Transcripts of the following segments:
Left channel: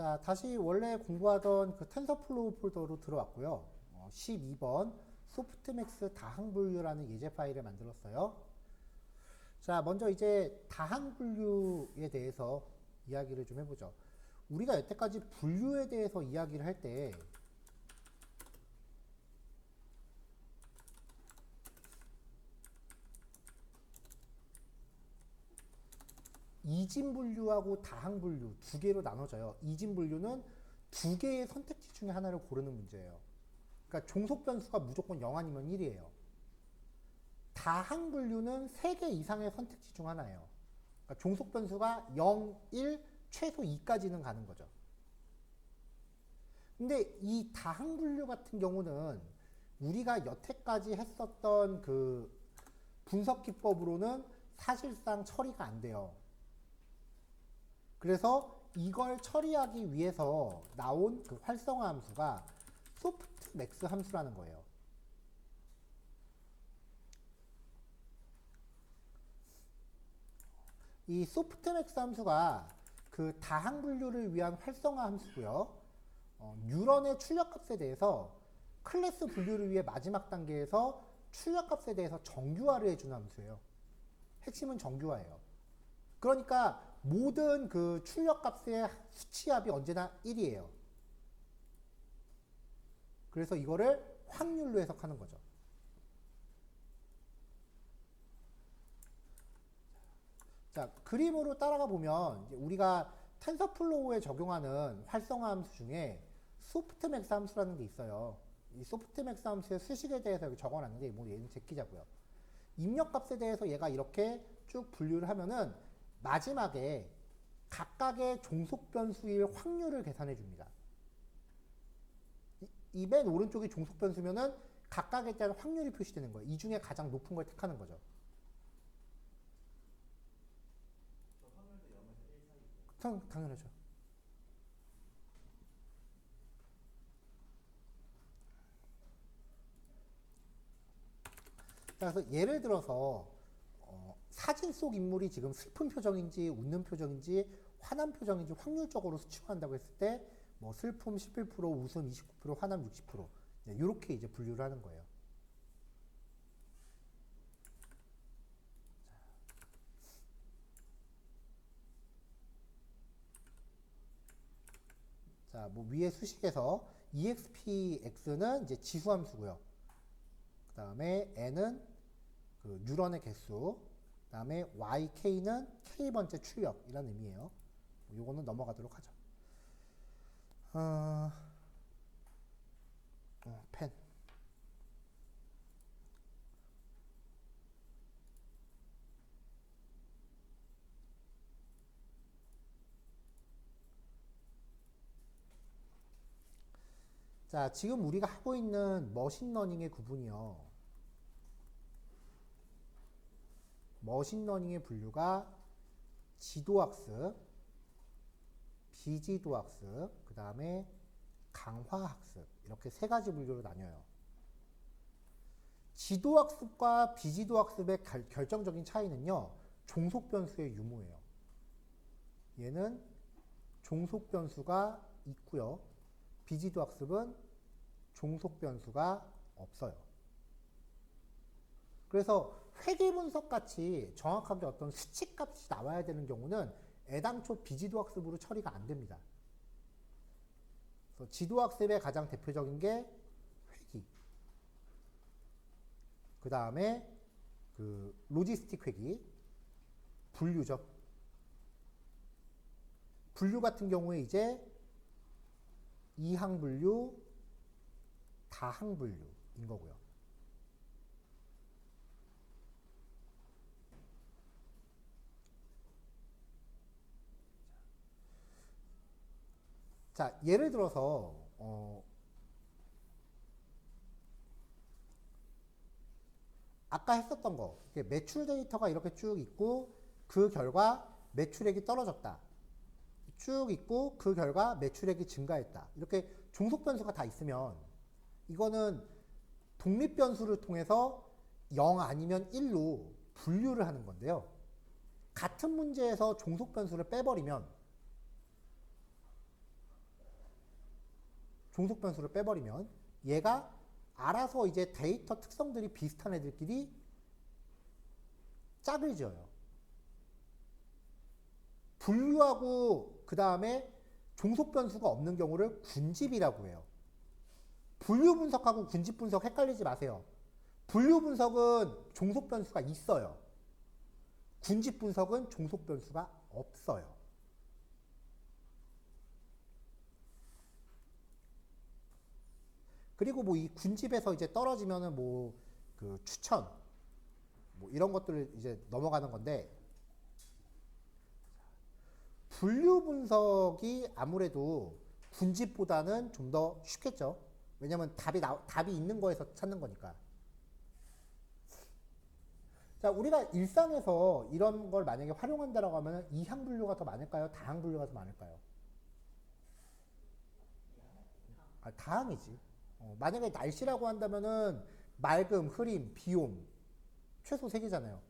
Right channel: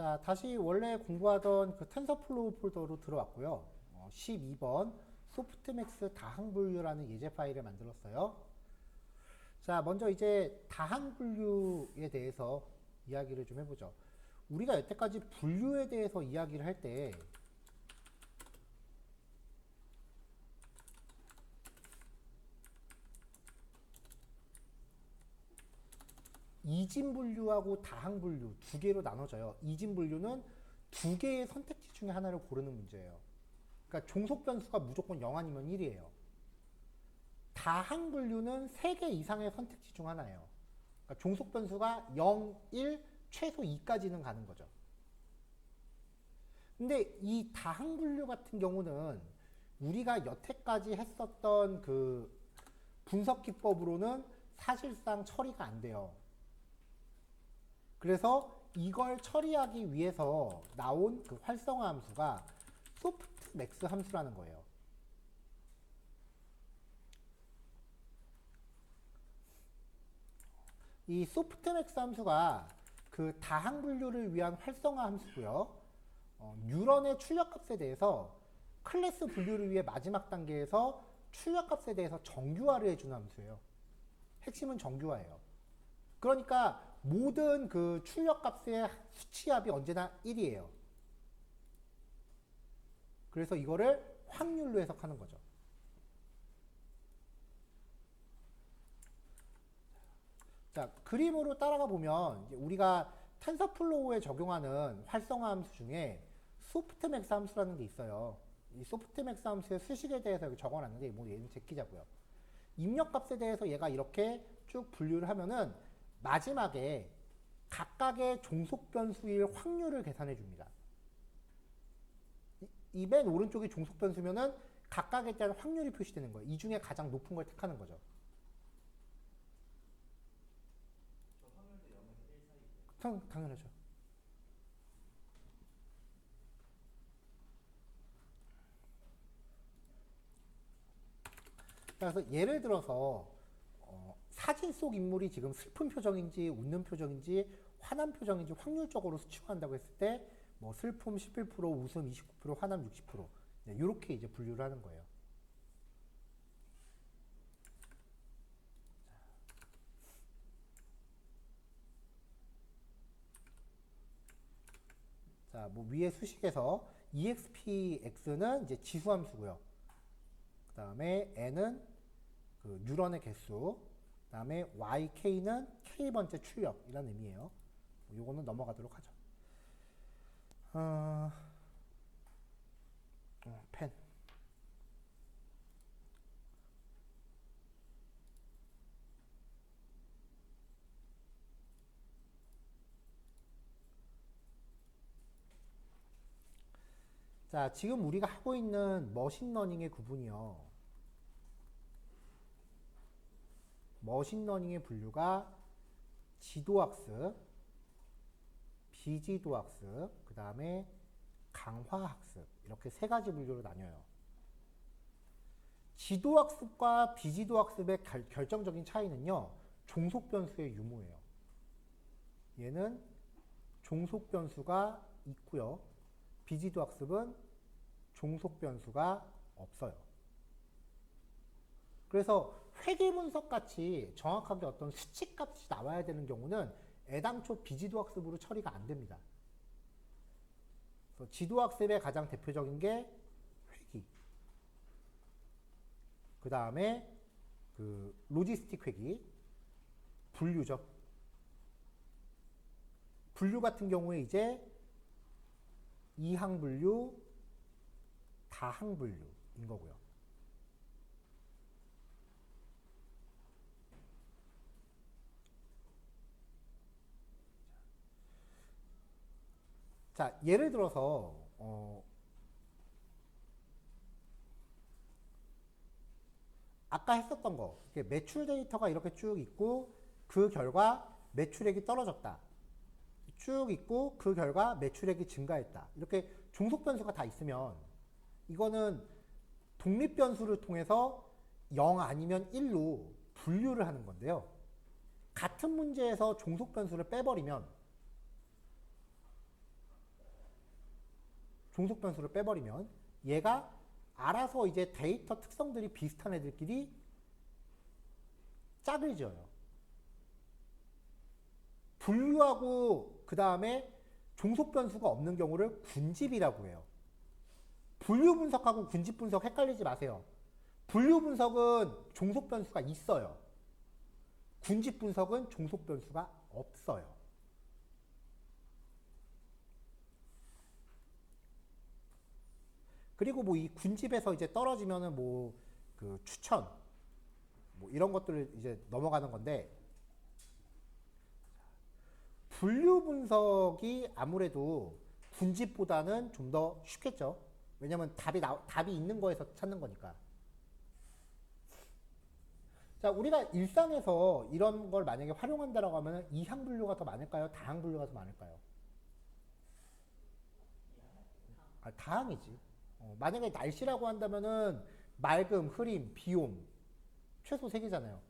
자, 다시 원래 공부하던 그 텐서플로우 폴더로 들어왔고요. 12번 소프트맥스 다항분류라는 예제 파일을 만들었어요. 자, 먼저 이제 다항분류에 대해서 이야기를 좀 해보죠. 우리가 여태까지 분류에 대해서 이야기를 할 때 이진분류하고 다항분류 두 개로 나눠져요. 이진분류는 두 개의 선택지 중에 하나를 고르는 문제예요. 그러니까 종속 변수가 무조건 0 아니면 1이에요. 다항분류는 3개 이상의 선택지 중 하나예요. 그러니까 종속 변수가 0, 1, 최소 2까지는 가는 거죠. 근데 이 다항분류 같은 경우는 우리가 여태까지 했었던 그 분석 기법으로는 사실상 처리가 안 돼요. 그래서 이걸 처리하기 위해서 나온 그 활성화 함수가 소프트맥스 함수라는 거예요. 이 소프트맥스 함수가 그 다항분류를 위한 활성화 함수고요. 뉴런의 출력값에 대해서 클래스 분류를 위해 마지막 단계에서 출력값에 대해서 정규화를 해주는 함수예요. 핵심은 정규화예요. 그러니까 모든 그 출력값의 수치합이 언제나 1이에요. 그래서 이거를 확률로 해석하는 거죠. 자, 그림으로 따라가 보면 우리가 텐서플로우에 적용하는 활성화 함수 중에 소프트맥스 함수라는 게 있어요. 이 소프트맥스 함수의 수식에 대해서 여기 적어놨는데 뭐 얘는 제끼자고요. 입력값에 대해서 얘가 이렇게 쭉 분류를 하면은 마지막에 각각의 종속 변수일 확률을 계산해 줍니다. 이 맨 오른쪽이 종속 변수면은 각각에 대한 확률이 표시되는 거예요. 이 중에 가장 높은 걸 택하는 거죠. 당연하죠. 그래서 예를 들어서 사진 속 인물이 지금 슬픈 표정인지 웃는 표정인지 화난 표정인지 확률적으로 수치화한다고 했을 때 뭐 슬픔 11%, 웃음 29%, 화남 60% 이렇게 이제 분류를 하는 거예요. 자, 뭐 위에 수식에서 expx는 이제 지수함수고요. 그 다음에 n은 그 뉴런의 개수, 그 다음에 YK는 K번째 출력이라는 의미예요. 요거는 넘어가도록 하죠. 펜. 자, 지금 우리가 하고 있는 머신러닝의 구분이요. 머신러닝의 분류가 지도학습, 비지도학습, 그 다음에 강화학습 이렇게 세 가지 분류로 나뉘어요. 지도학습과 비지도학습의 결정적인 차이는요. 종속변수의 유무예요. 얘는 종속변수가 있고요. 비지도학습은 종속변수가 없어요. 그래서 회귀분석 같이 정확하게 어떤 수치값이 나와야 되는 경우는 애당초 비지도학습으로 처리가 안 됩니다. 그래서 지도학습의 가장 대표적인 게 회귀. 그 다음에 그 로지스틱 회귀, 분류죠. 분류 같은 경우에 이제 이항분류, 다항분류인 거고요. 자, 예를 들어서 아까 했었던 거 매출 데이터가 이렇게 쭉 있고 그 결과 매출액이 떨어졌다. 쭉 있고 그 결과 매출액이 증가했다. 이렇게 종속 변수가 다 있으면 이거는 독립 변수를 통해서 0 아니면 1로 분류를 하는 건데요. 같은 문제에서 종속 변수를 빼버리면 종속 변수를 빼버리면 얘가 알아서 이제 데이터 특성들이 비슷한 애들끼리 짝을 지어요. 분류하고 그 다음에 종속 변수가 없는 경우를 군집이라고 해요. 분류 분석하고 군집 분석 헷갈리지 마세요. 분류 분석은 종속 변수가 있어요. 군집 분석은 종속 변수가 없어요. 그리고 뭐 이 군집에서 이제 떨어지면은 뭐 그 추천 뭐 이런 것들을 이제 넘어가는 건데, 분류 분석이 아무래도 군집보다는 좀 더 쉽겠죠. 왜냐면 답이 있는 거에서 찾는 거니까. 자, 우리가 일상에서 이런 걸 만약에 활용한다라고 하면 이항 분류가 더 많을까요? 다항 분류가 더 많을까요? 다항이지. 만약에 날씨라고 한다면은 맑음, 흐림, 비옴 최소 3개잖아요.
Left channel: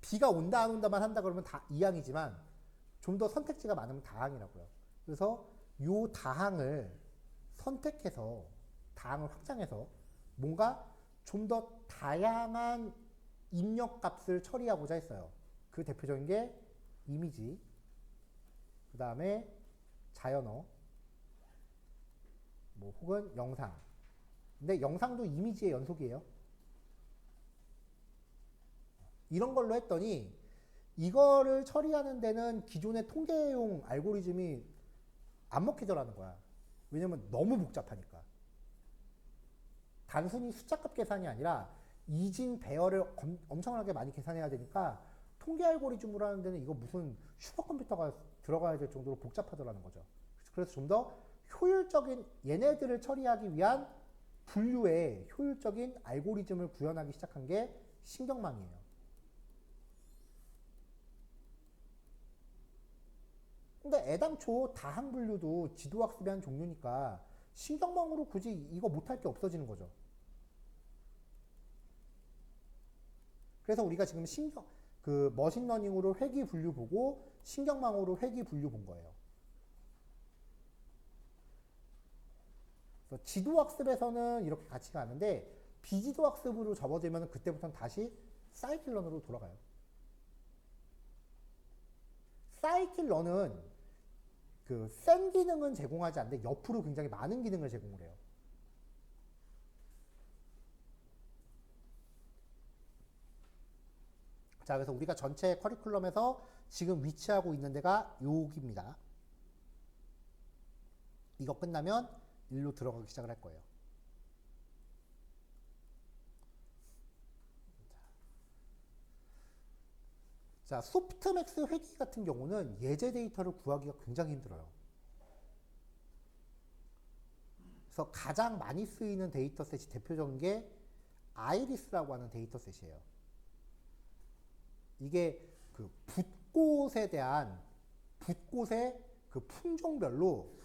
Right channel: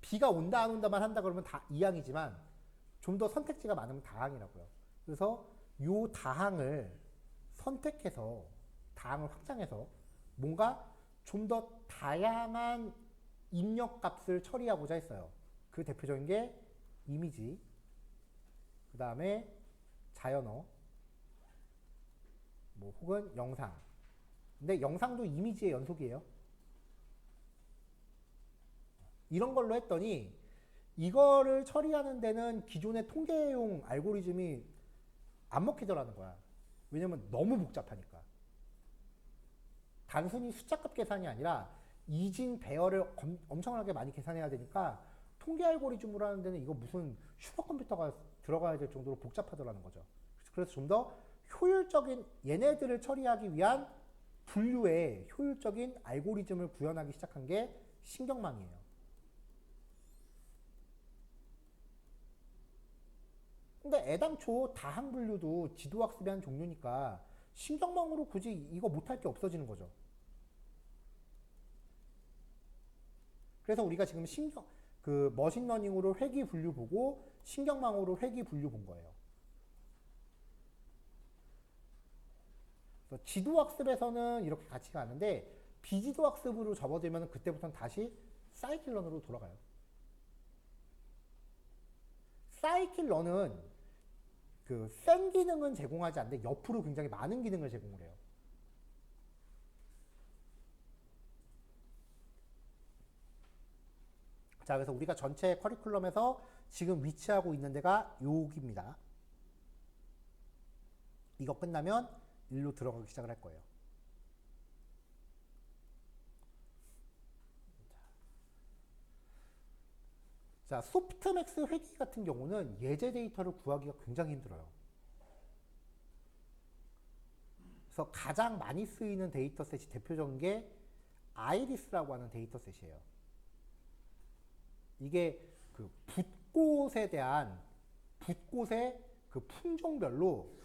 비가 온다 안 온다만 한다 그러면 다 이항이지만 좀 더 선택지가 많으면 다항이라고요. 그래서 요 다항을 선택해서 다항을 확장해서 뭔가 좀 더 다양한 입력값을 처리하고자 했어요. 그 대표적인 게 이미지, 그 다음에 자연어, 뭐 혹은 영상. 근데 영상도 이미지의 연속이에요. 이런 걸로 했더니 이거를 처리하는 데는 기존의 통계용 알고리즘이 안 먹히더라는 거야. 왜냐면 너무 복잡하니까. 단순히 숫자값 계산이 아니라 이진 배열을 엄청나게 많이 계산해야 되니까 통계 알고리즘으로 하는 데는 이거 무슨 슈퍼컴퓨터가 들어가야 될 정도로 복잡하더라는 거죠. 그래서 좀 더 효율적인 얘네들을 처리하기 위한 분류의 효율적인 알고리즘을 구현하기 시작한 게 신경망이에요. 근데 애당초 다항 분류도 지도학습의 한 종류니까 신경망으로 굳이 이거 못할 게 없어지는 거죠. 그래서 우리가 지금 머신러닝으로 회귀 분류 보고 신경망으로 회귀 분류 본 거예요. 그래서 지도학습에서는 이렇게 같이 가는데 비지도학습으로 접어들면 그때부터는 다시 사이클런으로 돌아가요. 사이클런은 그 센 기능은 제공하지 않는데 옆으로 굉장히 많은 기능을 제공을 해요. 자, 그래서 우리가 전체 커리큘럼에서 지금 위치하고 있는 데가 여기입니다. 이거 끝나면 일로 들어가기 시작을 할 거예요. 자, 소프트맥스 회귀 같은 경우는 예제 데이터를 구하기가 굉장히 힘들어요. 그래서 가장 많이 쓰이는 데이터셋이 대표적인 게 아이리스라고 하는 데이터셋이에요. 이게 그 붓꽃의 그 품종별로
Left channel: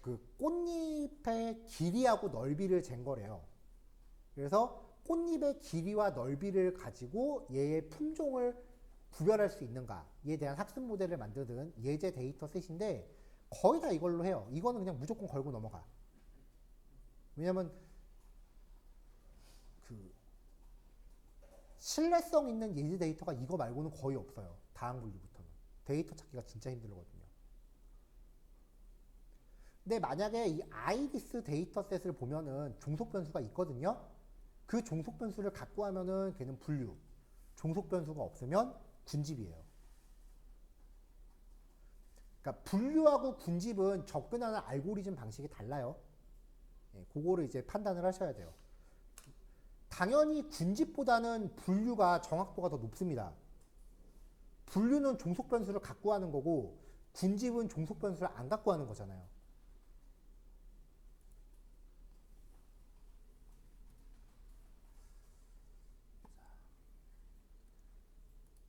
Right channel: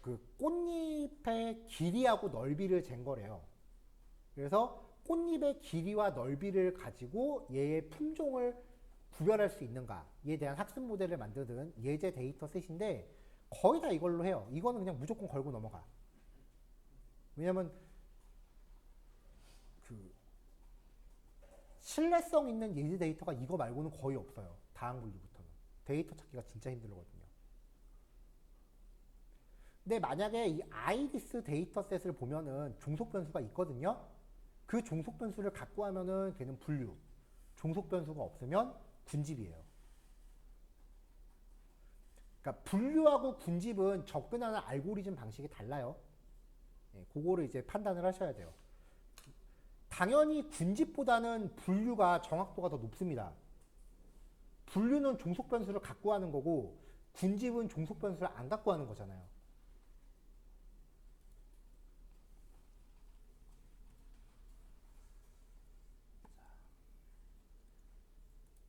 그 꽃잎의 길이하고 넓이를 잰 거래요. 그래서 꽃잎의 길이와 넓이를 가지고 얘의 품종을 구별할 수 있는가에 대한 학습 모델을 만드는 예제 데이터셋인데 거의 다 이걸로 해요. 이거는 그냥 무조건 걸고 넘어가. 왜냐면 그 신뢰성 있는 예제 데이터가 이거 말고는 거의 없어요. 다항 분류부터는. 데이터 찾기가 진짜 힘들거든요. 근데 만약에 이 아이리스 데이터셋을 보면은 종속 변수가 있거든요. 그 종속 변수를 갖고 하면은 걔는 분류. 종속 변수가 없으면 군집이에요. 그러니까 분류하고 군집은 접근하는 알고리즘 방식이 달라요. 그거를 이제 판단을 하셔야 돼요. 당연히 군집보다는 분류가 정확도가 더 높습니다. 분류는 종속 변수를 갖고 하는 거고 군집은 종속 변수를 안 갖고 하는 거잖아요.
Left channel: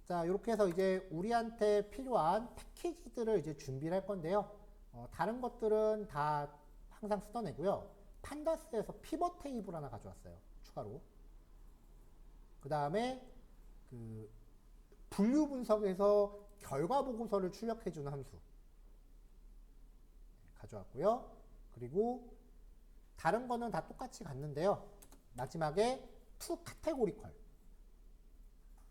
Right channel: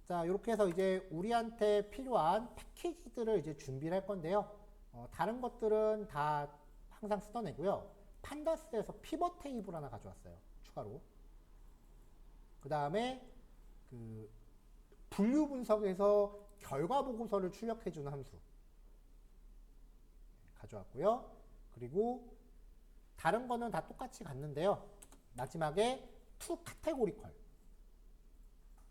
자, 이렇게 해서 이제 우리한테 필요한 패키지들을 이제 준비를 할 건데요. 다른 것들은 다 항상 쓰던 애고요. 판다스에서 피벗 테이블 하나 가져왔어요. 추가로. 그 다음에 그 분류 분석에서 결과 보고서를 출력해주는 함수 가져왔고요. 그리고 다른 거는 다 똑같이 갔는데요. 마지막에 to categorical.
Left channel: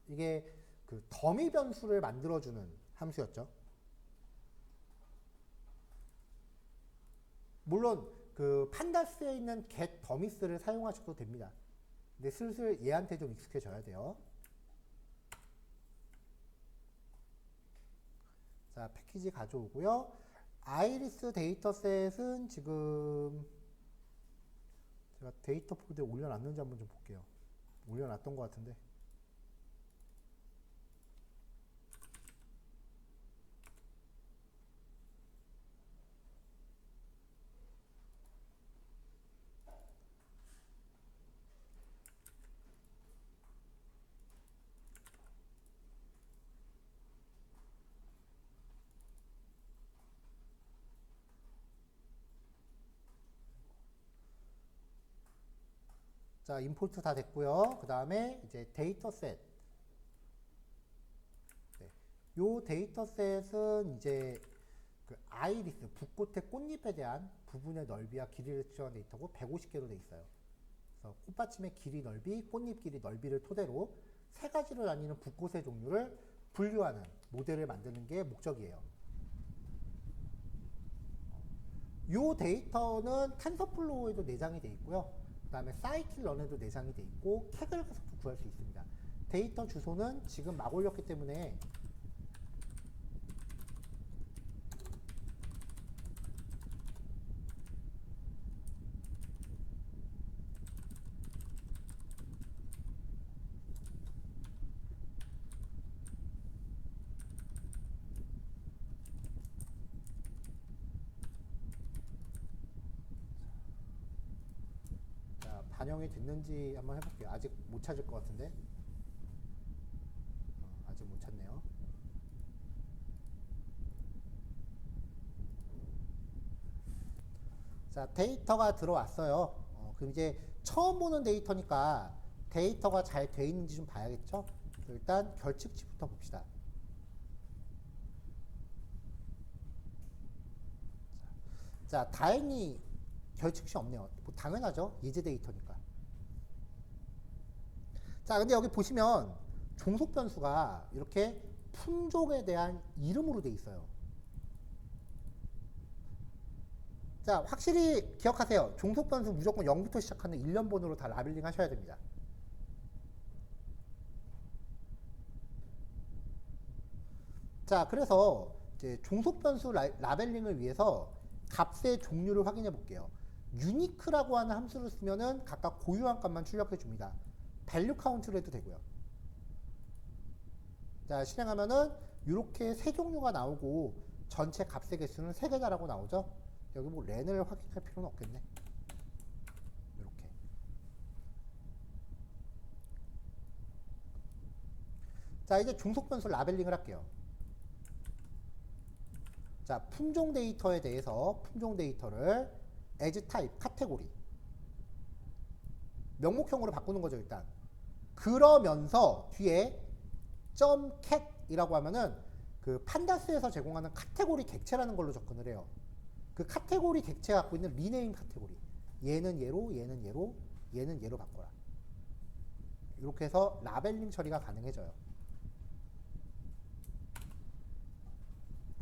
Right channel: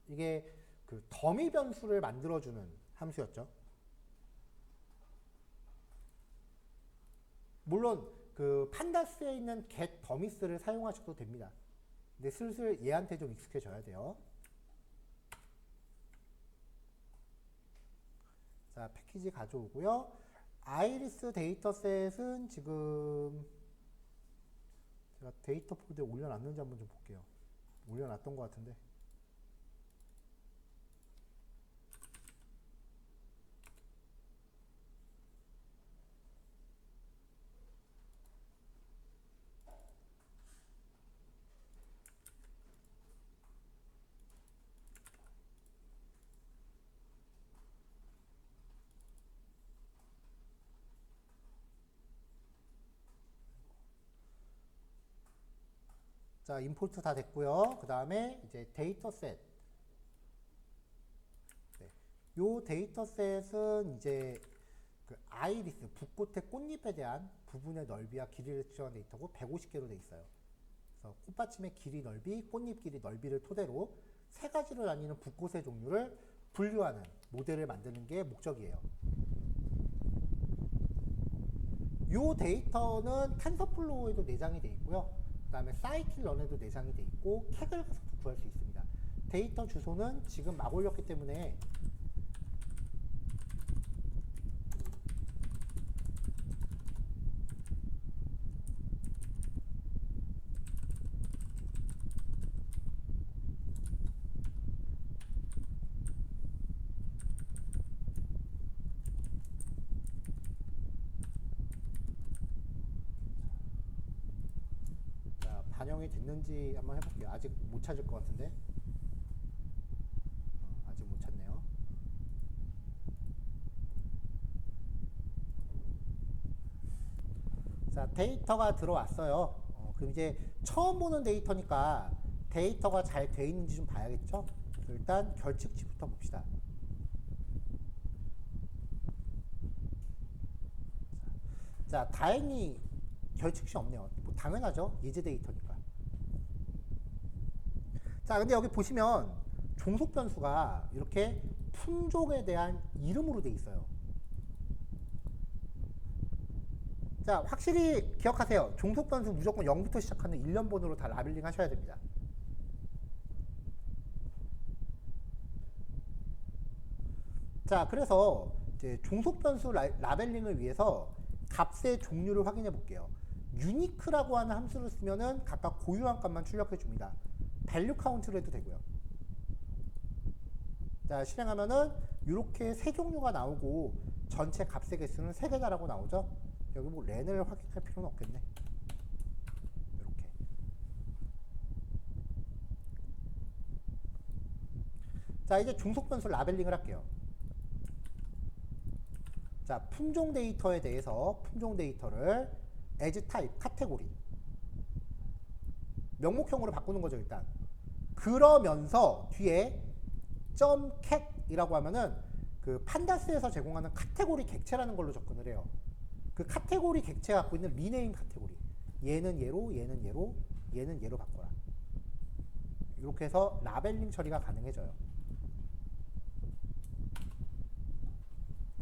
이게 그 더미 변수를 만들어주는 함수였죠. 물론 그 판다스에 있는 get 더미스를 사용하셔도 됩니다. 근데 슬슬 얘한테 좀 익숙해져야 돼요. 자, 패키지 가져오고요. 아이리스 데이터셋은 지금 제가 데이터 폴더에 올려놨는지 한번 좀 볼게요. 올려놨던 것 같은데. 자, 임포트 다 됐고요. 그 다음에 이제 데이터셋. 네. 요 데이터셋은 이제 그 아이리스, 붓꽃의 꽃잎에 대한 부분의 넓이와 길이를 측정한 데이터고 150개로 돼 있어요. 그래서 꽃받침의 길이 넓이, 꽃잎 길이 넓이를 토대로 세 가지로 나뉘는 붓꽃의 종류를 분류하는 모델을 만드는 게 목적이에요. 요 데이터는 텐서플로우에도 내장이 돼 있고요. 그 다음에 사이킬런에도 내장이 돼 있고 캑을 가서도 구할 수 있습니다. 데이터 주소는 지금 막 올렸기 때문에 반영이 됐는지 한번 해볼게요. 아직 못 찾을 것 같은데. 아직 못 찾네요. 자, 데이터가 들어왔어요. 그럼 이제 처음 보는 데이터니까 데이터가 잘 돼 있는지 좀 봐야겠죠? 일단 결측치부터 봅시다. 자, 다행히 결측치 없네요. 뭐 당연하죠. 예제 데이터니까. 자, 근데 여기 보시면 종속 변수가 이렇게 품종에 대한 이름으로 돼 있어요. 자, 확실히 기억하세요. 종속 변수 무조건 0부터 시작하는 일련번호로 다 라벨링 하셔야 됩니다. 자, 그래서 이제 종속 변수 라벨링을 위해서 값의 종류를 확인해 볼게요. 유니크라고 하는 함수를 쓰면은 각각 고유한 값만 출력해 줍니다. 밸류 카운트를 해도 되고요. 자, 실행하면은 이렇게 세 종류가 나오고 전체 값의 개수는 3개다라고 나오죠. 여기 뭐 렌을 확인할 필요는 없겠네. 이렇게. 자, 이제 종속 변수 라벨링을 할게요. 자, 품종 데이터에 대해서 품종 데이터를 as type, 카테고리 명목형으로 바꾸는 거죠, 일단. 그러면서 뒤에 .cat이라고 하면은 그 판다스에서 제공하는 카테고리 객체라는 걸로 접근을 해요. 그 카테고리 객체가 갖고 있는 리네임 카테고리. 얘는 얘로, 얘는 얘로, 얘는 얘로 바꿔라. 이렇게 해서 라벨링 처리가 가능해져요.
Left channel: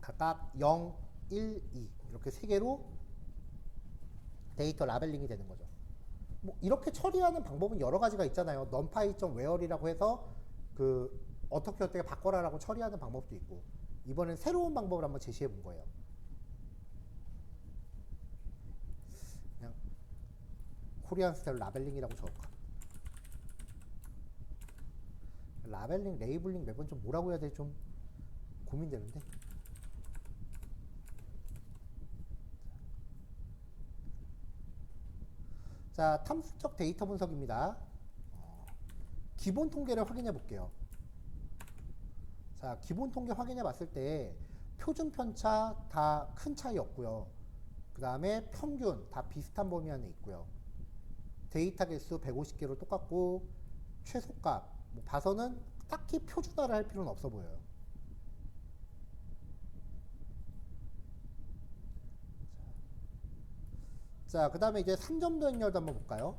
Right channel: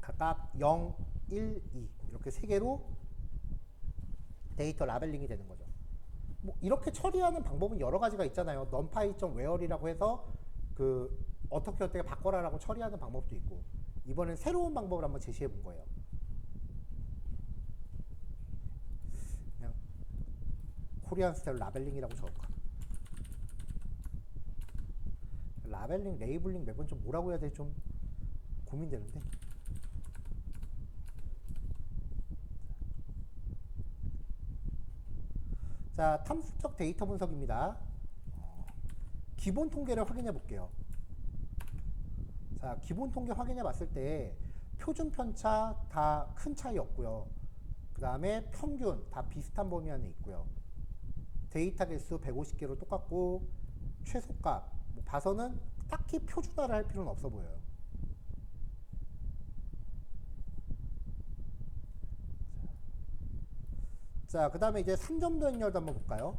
각각 0, 1, 2 이렇게 3개로 데이터 라벨링이 되는 거죠. 뭐 이렇게 처리하는 방법은 여러 가지가 있잖아요. numpy.where이라고 해서 그 어떻게 바꿔라라고 처리하는 방법도 있고, 이번엔 새로운 방법을 한번 제시해 본 거예요. 그냥 코리안 스타일 라벨링이라고 적을까? 라벨링, 레이블링 매번 좀 뭐라고 해야 될지 좀 고민되는데. 자, 탐색적 데이터 분석입니다. 기본 통계를 확인해 볼게요. 자, 기본 통계 확인해 봤을 때 표준 편차 다 큰 차이 없고요. 그 다음에 평균 다 비슷한 범위 안에 있고요. 데이터 개수 150개로 똑같고, 최소값 뭐 봐서는 딱히 표준화를 할 필요는 없어 보여요. 자, 그 다음에 이제 3점도 행렬도 한번 볼까요?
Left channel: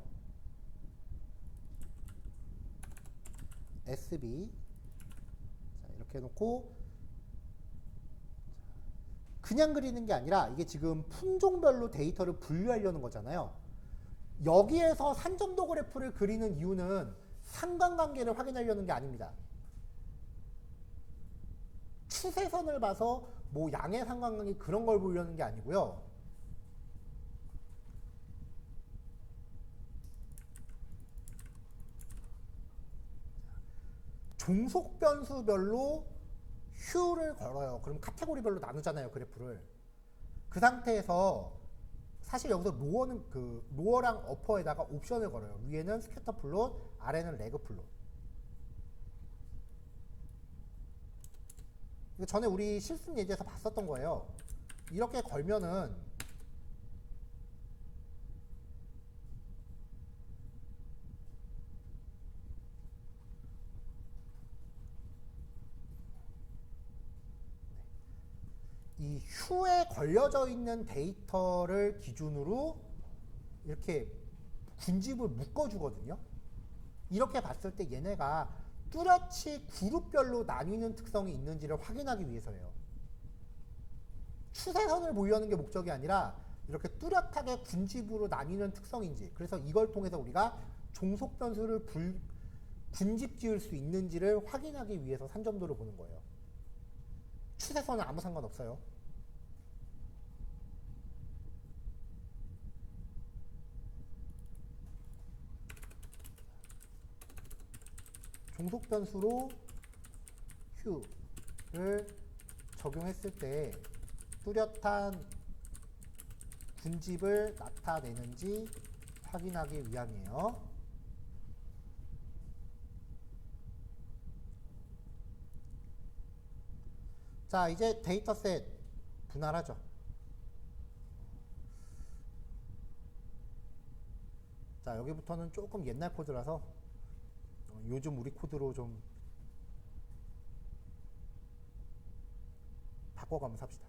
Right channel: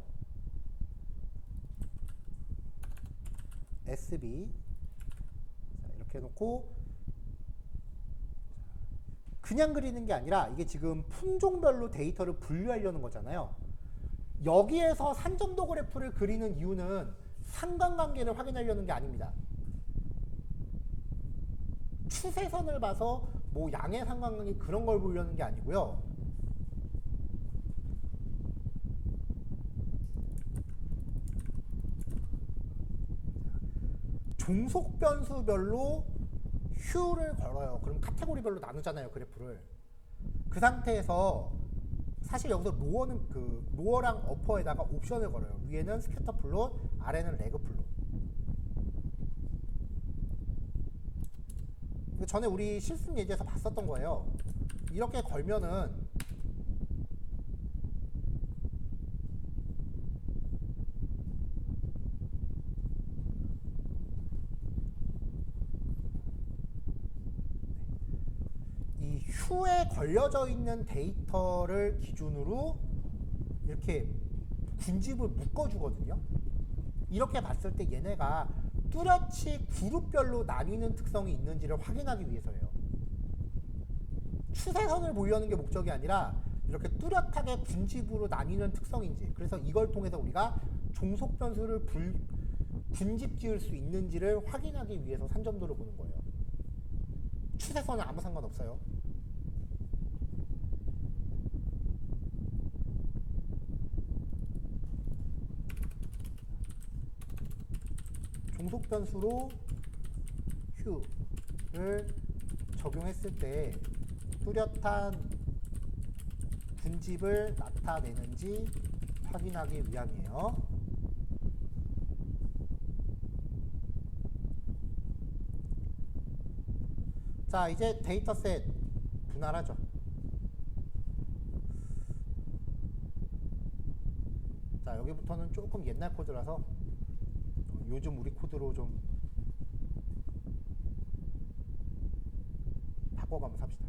SB. 자, 이렇게 해놓고, 그냥 그리는 게 아니라, 이게 지금 품종별로 데이터를 분류하려는 거잖아요. 여기에서 산점도 그래프를 그리는 이유는 상관관계를 확인하려는 게 아닙니다. 추세선을 봐서 뭐 양의 상관관계 그런 걸 보려는 게 아니고요. 종속 변수별로 휴를 걸어요. 그럼 카테고리별로 나누잖아요, 그래프를. 그 상태에서 사실 여기서 로어는 로어랑 어퍼에다가 옵션을 걸어요. 위에는 스캐터 플롯, 아래는 레그 플롯. 전에 우리 실습 예제에서 봤었던 거예요. 이렇게 걸면은 이 휴에 걸려져 있는 데이터를 기준으로 이렇게 군집을 묶어주거든요. 이렇게 봤을 때 얘네가 뚜렷이 그룹별로 나뉘는 특성이 있는지를 확인하기 위해서예요. 추세선을 보려는 게 목적이 아니라 이렇게 뚜렷하게 군집으로 나뉘는 특성인지, 그래서 이걸 통해서 우리가 종속 변수를 군집 지을 수 있는지를 확인하기 위해서 산점도를 보는 거예요. 추세선은 아무 상관없어요. 종속 변수로 휴를 적용했을 때 뚜렷한 군집을 나타내는지 확인하기 위함이에요. 자, 이제 데이터셋 분할하죠. 자, 여기부터는 조금 옛날 코드라서 요즘 우리 코드로 좀 바꿔가면서 합시다.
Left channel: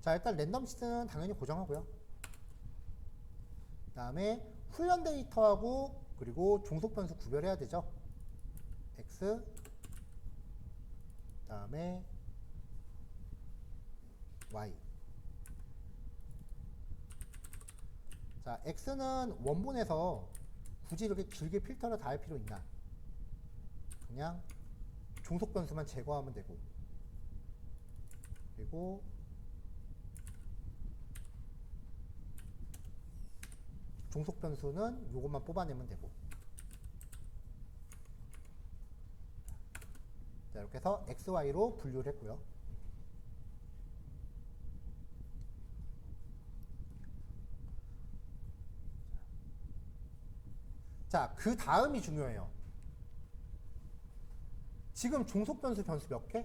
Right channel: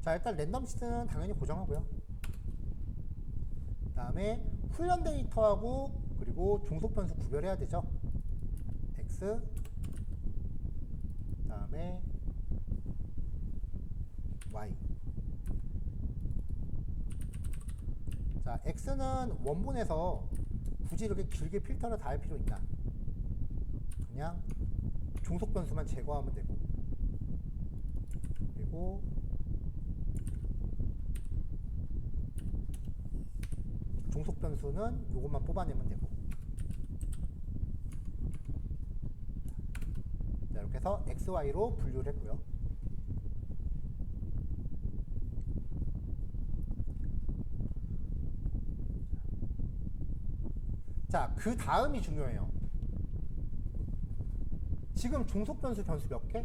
자, 일단 랜덤 시트는 당연히 고정하고요. 그 다음에 훈련 데이터하고 그리고 종속 변수 구별해야 되죠. X, 그 다음에 Y. 자, X는 원본에서 굳이 이렇게 길게 필터를 다 할 필요 있나? 그냥 종속 변수만 제거하면 되고, 그리고 종속 변수는 요것만 뽑아내면 되고. 자, 이렇게 해서 X, Y로 분류를 했고요. 자, 그 다음이 중요해요. 지금 종속 변수 몇 개?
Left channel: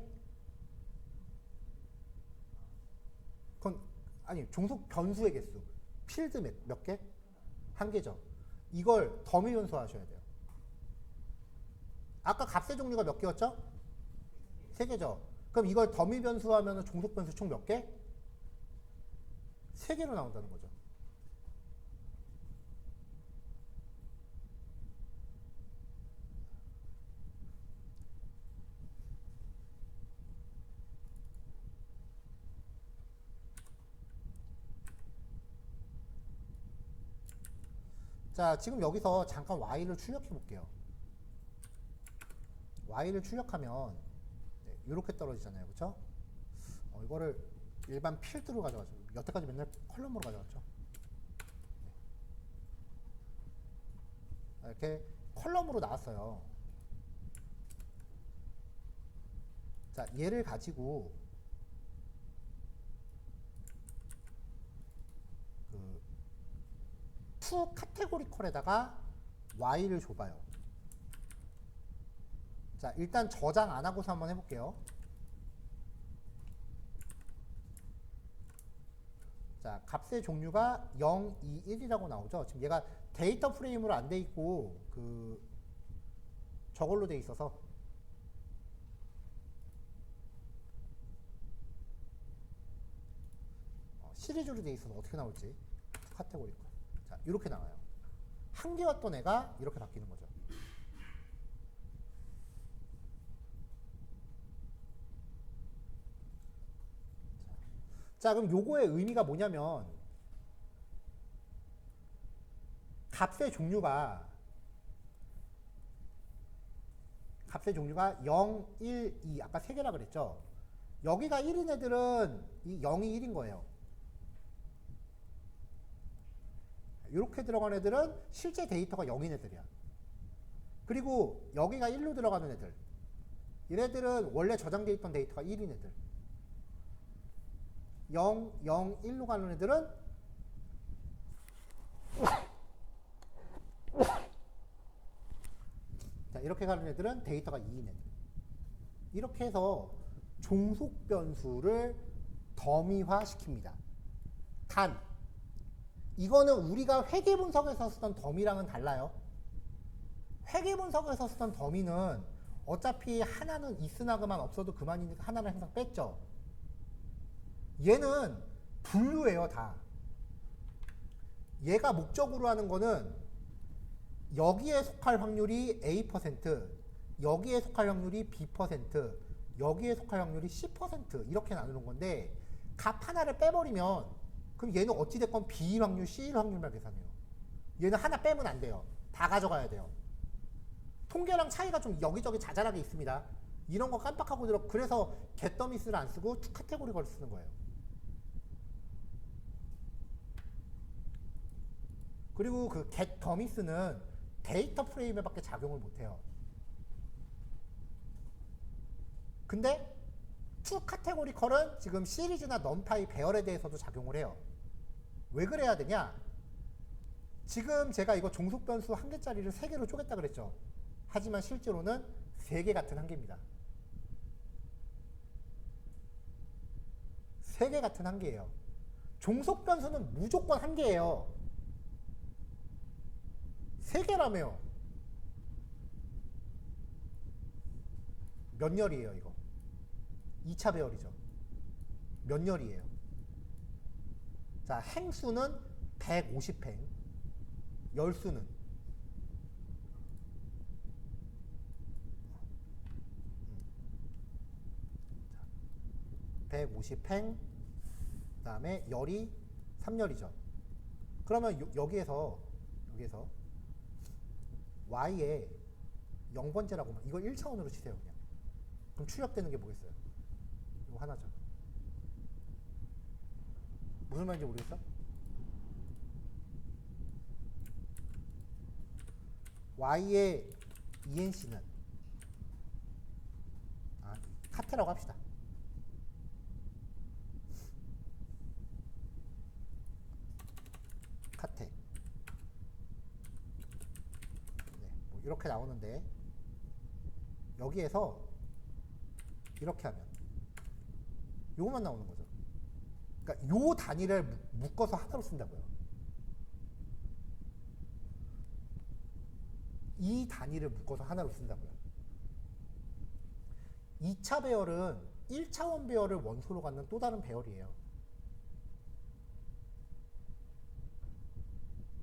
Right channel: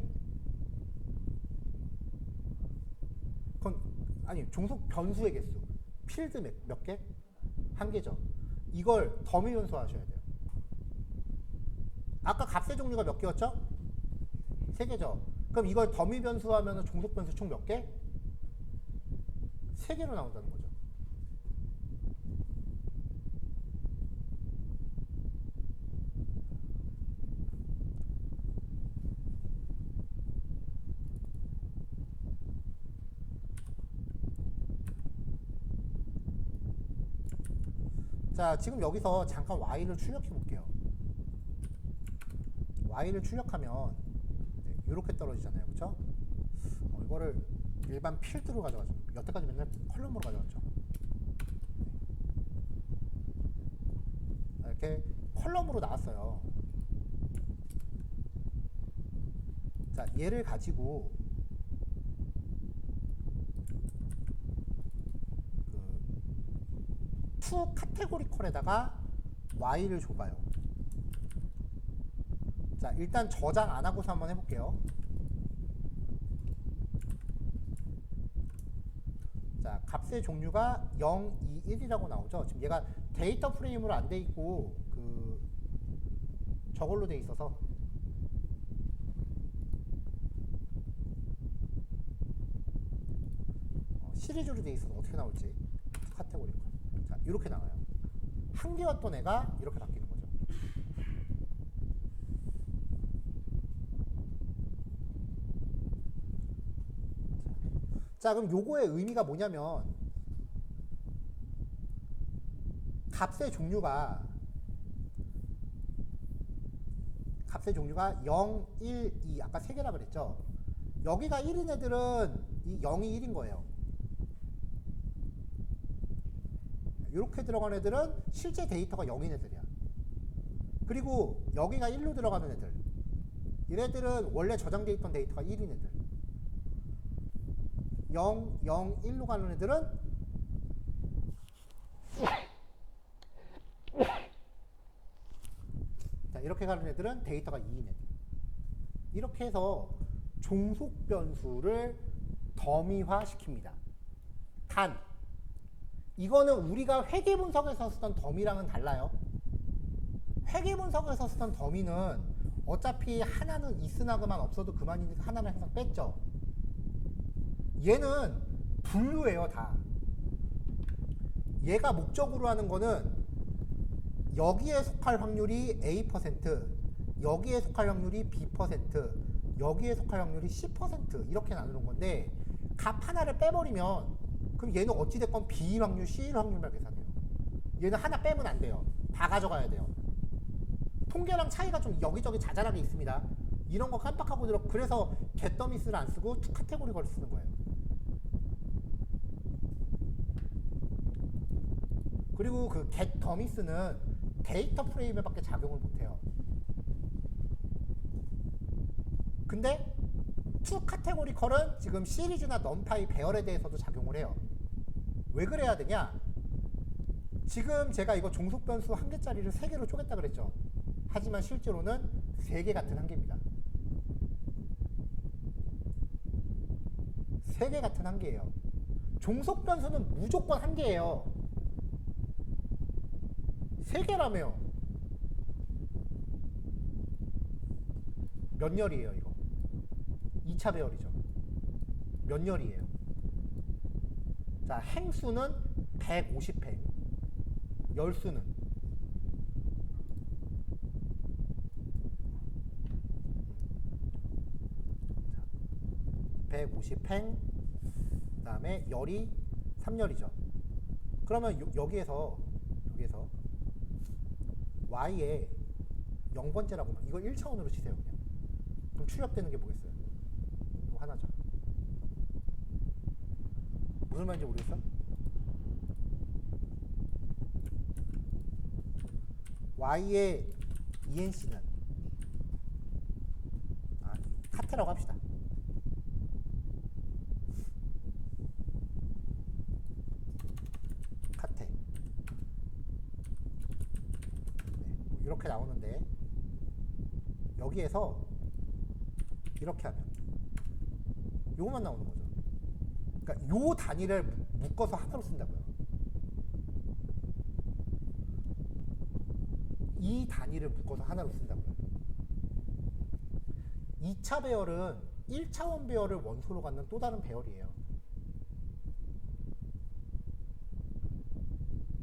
그건 아니, 종속 변수의 개수. 필드 몇 개? 한 개죠. 이걸 더미 변수 하셔야 돼요. 아까 값의 종류가 몇 개였죠? 세 개죠. 그럼 이걸 더미 변수 하면 종속 변수 총 몇 개? 세 개로 나온다는 거죠. 자, 지금 여기서 잠깐 y를 출력해 볼게요. y를 출력하면 이렇게 떨어지잖아요, 그렇죠? 이거를 일반 필드로 가져가죠. 여태까지 맨날 컬럼으로 가져갔죠. 이렇게 컬럼으로 나왔어요. 자, 얘를 가지고 투 카테고리컬에다가 y를 줘봐요. 자, 일단 저장 안 하고서 한번 해볼게요. 자, 값의 종류가 0, 2, 1이라고 나오죠. 지금 얘가 데이터 프레임으로 안 돼 있고 저걸로 돼 있어서 자, 시리즈로 돼 있어서 어떻게 나올지 카테고리 컬. 자, 이렇게 나와요. 한 개였던 애가 이렇게 바뀌는 거죠. 자, 그럼 요거의 의미가 뭐냐면 값의 종류가 0, 1, 2 아까 3개라 그랬죠. 여기가 1인 애들은 이 0이 1인 거예요. 이렇게 들어간 애들은 실제 데이터가 0인 애들이야. 그리고 여기가 1로 들어가는 애들, 얘네들은 원래 저장돼 있던 데이터가 1인 애들. 0, 0, 1로 가는 애들은 자, 이렇게 가는 애들은 데이터가 2인 애들. 이렇게 해서 종속 변수를 더미화 시킵니다. 단 이거는 우리가 회계 분석에서 쓰던 더미랑은 달라요. 회계 분석에서 쓰던 더미는 어차피 하나는 있으나그만 없어도 그만이니까 하나는 항상 뺐죠. 얘는 분류예요, 다. 얘가 목적으로 하는 거는 여기에 속할 확률이 A%, 여기에 속할 확률이 B%, 여기에 속할 확률이 C% 이렇게 나누는 건데 값 하나를 빼버리면 그럼 얘는 어찌됐건 B 확률, C 확률만 계산해요. 얘는 하나 빼면 안 돼요. 다 가져가야 돼요. 통계랑 차이가 좀 여기저기 자잘하게 있습니다. 이런 거 깜빡하고 들어. 그래서 get더미스를 안 쓰고 투 카테고리걸 쓰는 거예요. 그리고 그 get더미스는 데이터 프레임에 밖에 작용을 못해요. 근데 투 카테고리컬은 지금 시리즈나 넘파이 배열에 대해서도 작용을 해요. 왜 그래야 되냐? 지금 제가 이거 종속 변수 한 개짜리를 3개로 쪼갰다 그랬죠. 하지만 실제로는 3개 같은 한 개입니다. 3개 같은 한 개예요. 종속 변수는 무조건 한 개예요. 3개라며요. 몇 열이에요, 이거? 2차 배열이죠. 몇 열이에요? 자, 행수는 150행, 열수는 150행, 그 다음에 열이 3열이죠. 그러면 여기에서 y에 0번째라고 이거 1차원으로 치세요, 그냥. 그럼 출력되는 게 뭐겠어요? 이거 하나죠. 무슨 말인지 모르겠어? y의 ENC는 카테라고 합시다. 카테. 네, 뭐 이렇게 나오는데 여기에서 이렇게 하면 요것만 나오는 거죠. 그러니까 요 단위를 묶어서 하나로 쓴다고요. 이 단위를 묶어서 하나로 쓴다고요. 2차 배열은 1차원 배열을 원소로 갖는 또 다른 배열이에요.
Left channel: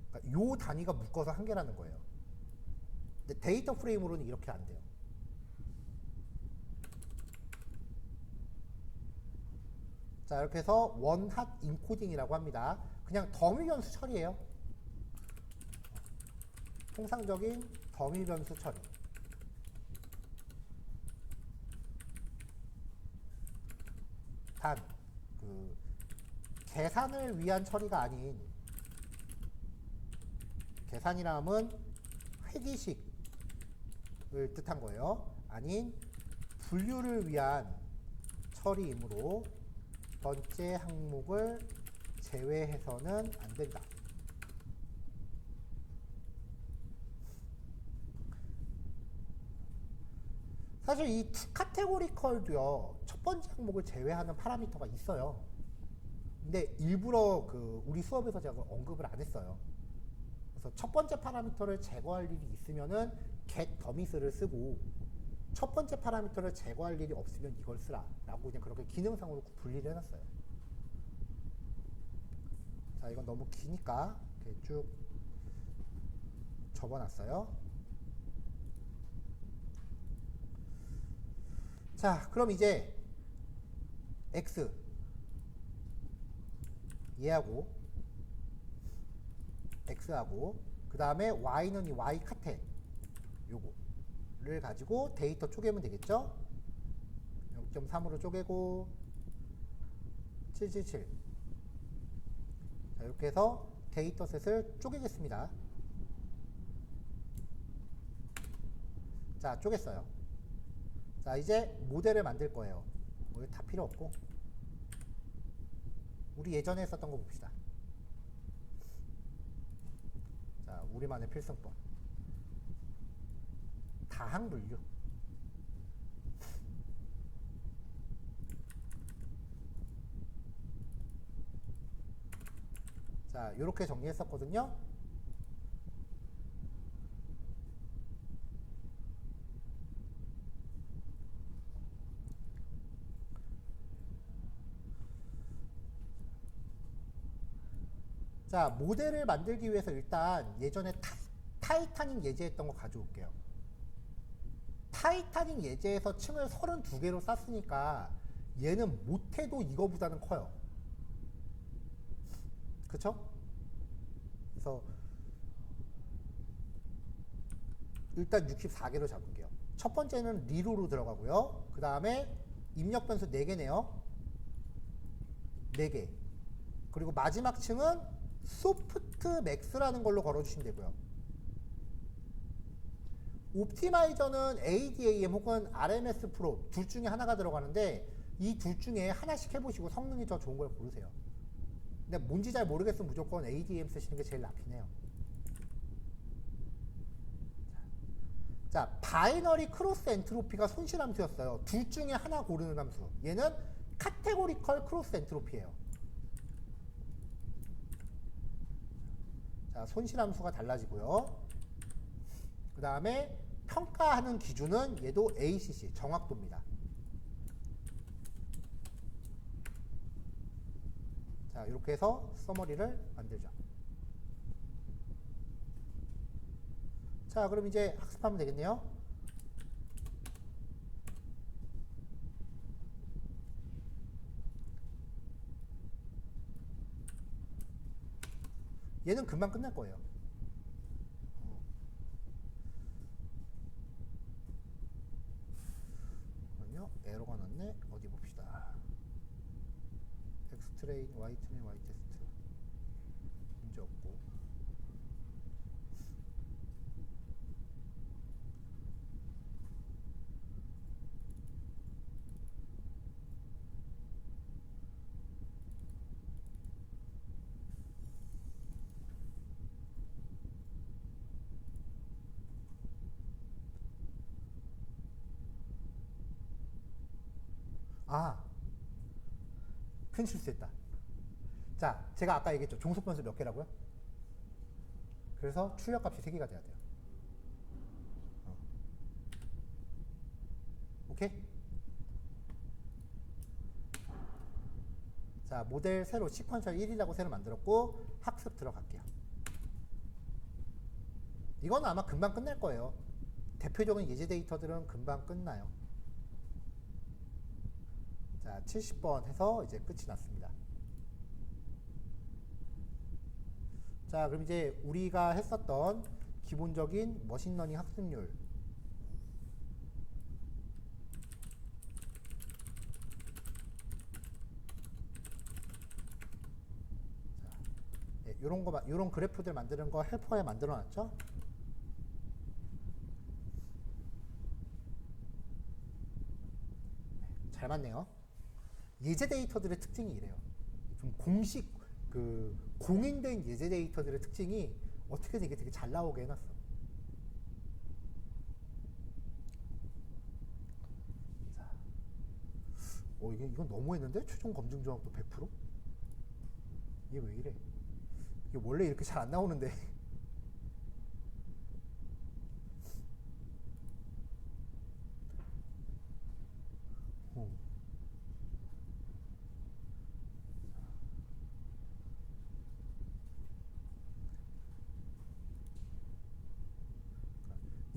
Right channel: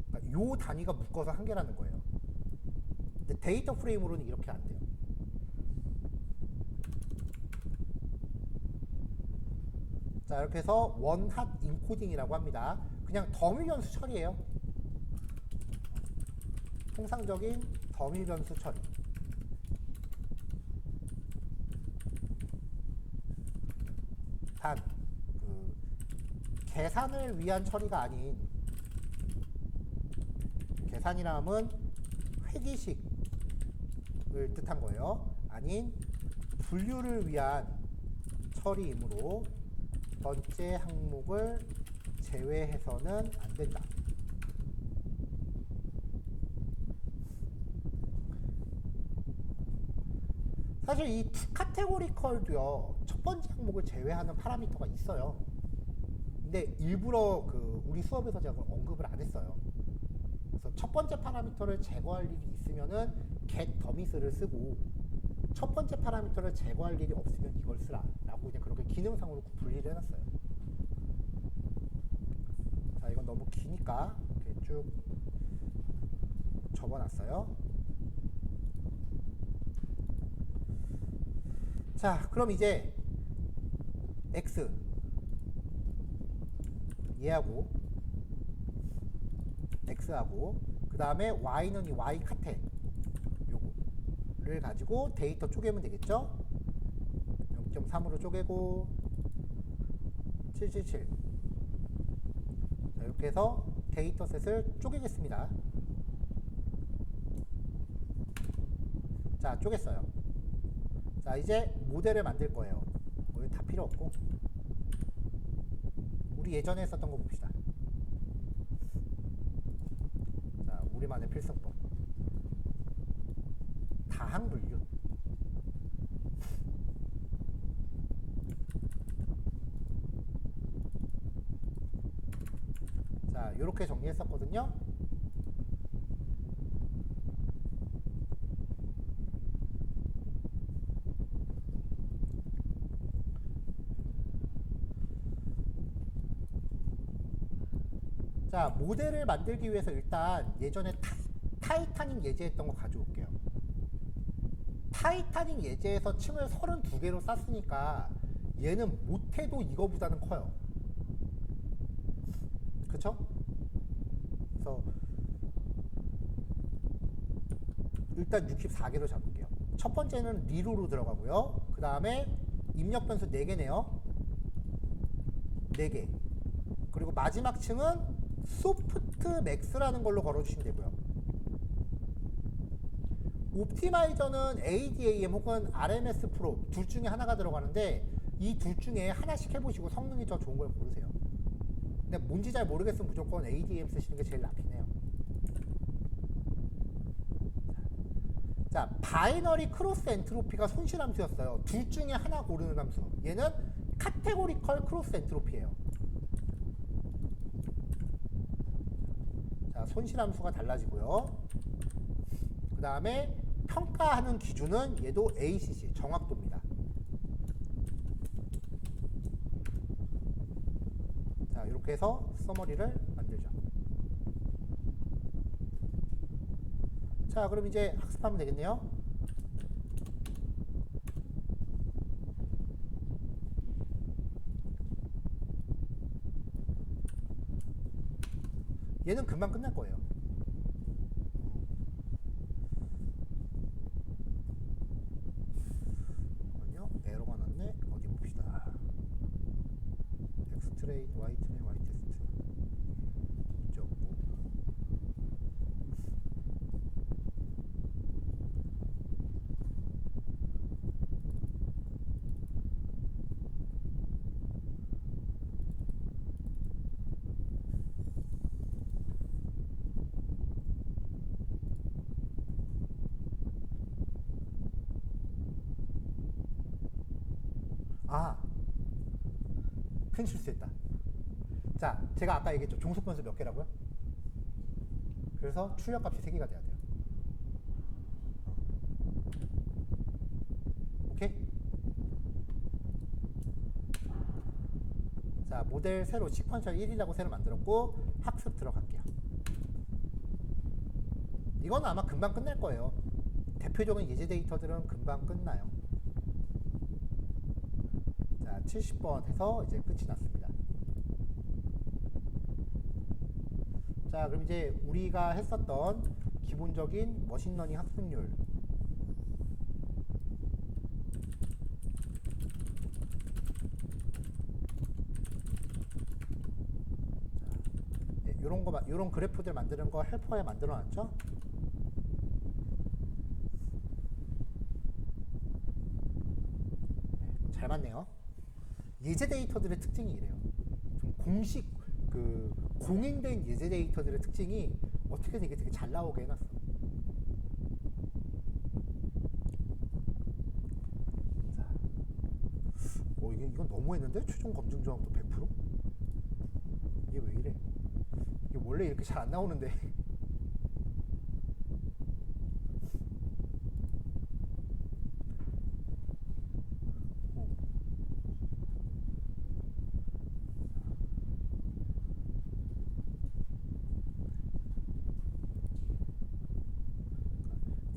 그러니까 요 단위가 묶어서 한 개라는 거예요. 근데 데이터 프레임으로는 이렇게 안 돼요. 자, 이렇게 해서 원핫 인코딩이라고 합니다. 그냥 더미 변수 처리예요. 통상적인 더미 변수 처리. 단, 계산을 위한 처리가 아닌, 계산이라 함은 회기식을 뜻한 거예요. 아닌 분류를 위한 처리이므로 번째 항목을 제외해서는 안 된다. 사실 이 카테고리컬도요, 첫 번째 항목을 제외하는 파라미터가 있어요. 근데 일부러 우리 수업에서 제가 언급을 안 했어요. 그래서 첫 번째 파라미터를 제거할 일이 있으면은 get더미스를 쓰고, 첫 번째 파라미터를 제거할 일이 없으면 이걸 쓰라 라고 그냥 그렇게 기능상으로 분리를 해놨어요. 자, 이건 너무 기니까 이렇게 쭉 접어놨어요. 자, 그럼 이제 x 얘하고 x하고 그 다음에 y는 이 y 카텐 요거를 가지고 데이터 쪼개면 되겠죠. 0.3으로 쪼개고 777. 자, 이렇게 해서 데이터셋을 쪼개겠습니다. 자, 쪼갰어요. 자, 이제 모델을 만들 거예요. 뭐 다 필요 없고 우리 예전에 썼던 거 봅시다. 자, 우리만의 필승법 다항 분류. 자, 이렇게 정리했었거든요. 자, 모델을 만들기 위해서 일단 예전에 타이타닉 예제했던 거 가져올게요. 타이타닉 예제에서 층을 32개로 쌌으니까 얘는 못해도 이거보다는 커요. 그쵸? 그래서 일단 64개로 잡을게요. 첫 번째는 리로로 들어가고요. 그 다음에 입력 변수 4개네요. 4개. 그리고 마지막 층은 소프트 맥스라는 걸로 걸어주시면 되고요. 옵티마이저는 ADAM 혹은 RMS 프로 둘 중에 하나가 들어가는데 이 둘 중에 하나씩 해보시고 성능이 더 좋은 걸 고르세요. 근데 뭔지 잘 모르겠으면 무조건 ADAM 쓰시는 게 제일 낫긴 해요. 자, 바이너리 크로스 엔트로피가 손실 함수였어요. 둘 중에 하나 고르는 함수. 얘는 카테고리컬 크로스 엔트로피예요. 자, 손실 함수가 달라지고요. 그 다음에 평가하는 기준은 얘도 ACC, 정확도입니다. 자, 이렇게 해서 서머리를 만들죠. 자, 그럼 이제 학습하면 되겠네요. 얘는 금방 끝날 거예요. 잠깐만요. 에러가 났네. 어디 봅시다. X 트레인, Y 트레인, Y 테스트. 문제 없고. 아, 큰 실수했다. 자, 제가 아까 얘기했죠. 종속 변수 몇 개라고요? 그래서 출력값이 3개가 돼야 돼요. 오케이? 자, 모델 새로 시퀀셜 1이라고 새로 만들었고 학습 들어갈게요. 이건 아마 금방 끝날 거예요. 대표적인 예제 데이터들은 금방 끝나요. 자, 70번 해서 이제 끝이 났습니다. 자, 그럼 이제 우리가 했었던 기본적인 머신러닝 학습률. 네, 요런 그래프들 만드는 거 헬퍼에 만들어 놨죠? 잘 맞네요. 예제 데이터들의 특징이 이래요. 좀 공인된 예제 데이터들의 특징이 어떻게든 이게 되게 잘 나오게 해놨어. 자, 이건 너무했는데? 최종 검증 정확도 100%? 이게 왜 이래? 이게 원래 이렇게 잘 안 나오는데.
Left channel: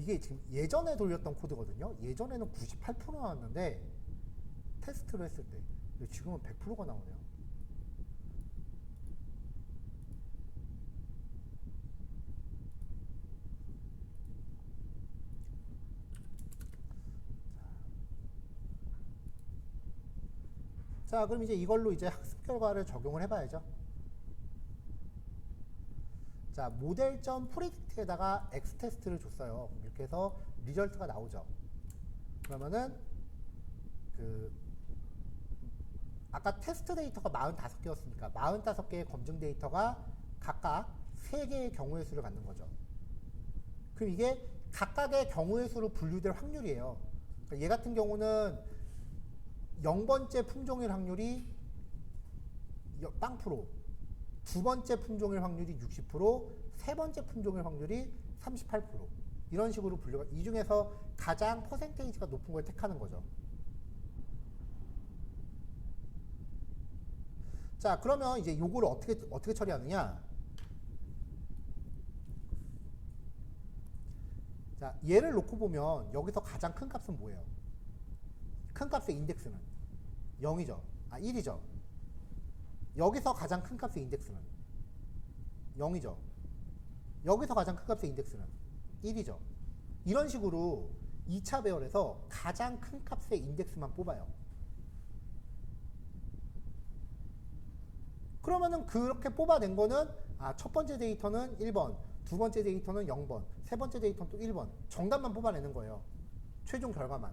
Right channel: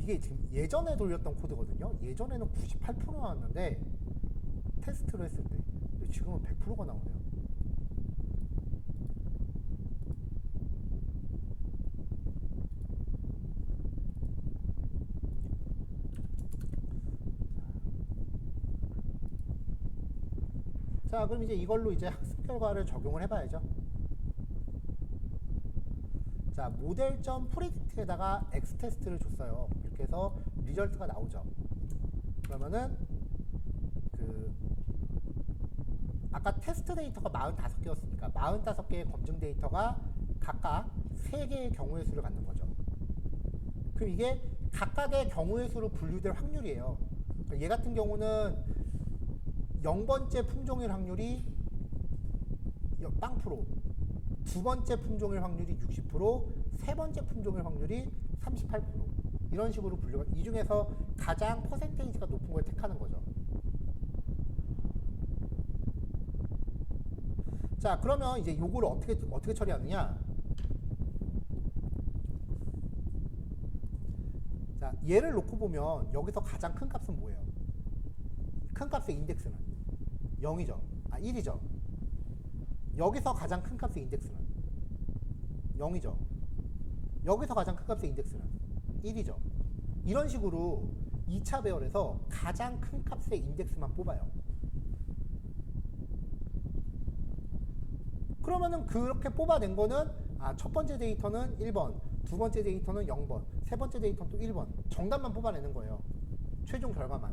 이게 지금 예전에 돌렸던 코드거든요. 예전에는 98% 나왔는데 테스트를 했을 때 지금은 100%가 나오네요. 자, 그럼 이제 이걸로 이제 학습 결과를 적용을 해봐야죠. 자, 모델.predict에다가 x 테스트를 줬어요. 이렇게 해서 리절트가 나오죠. 그러면은 그 아까 테스트 데이터가 45개였으니까 45개의 검증 데이터가 각각 3개의 경우의 수를 갖는 거죠. 그럼 이게 각각의 경우의 수로 분류될 확률이에요. 그러니까 얘 같은 경우는 0번째 품종일 확률이 0%, 두 번째 품종일 확률이 60%, 세 번째 품종일 확률이 38%. 이런 식으로 분류가, 이 중에서 가장 퍼센테이지가 높은 걸 택하는 거죠. 자, 그러면 이제 요거를 어떻게 처리하느냐? 자, 얘를 놓고 보면 여기서 가장 큰 값은 뭐예요? 큰 값의 인덱스는 0이죠. 아, 1이죠. 여기서 가장 큰 값의 인덱스는 0이죠. 여기서 가장 큰 값의 인덱스는 1이죠. 이런 식으로 2차 배열에서 가장 큰 값의 인덱스만 뽑아요. 그러면은 그렇게 뽑아낸 거는 첫 번째 데이터는 1번, 두 번째 데이터는 0번, 세 번째 데이터는 또 1번. 정답만 뽑아내는 거예요. 최종 결과만.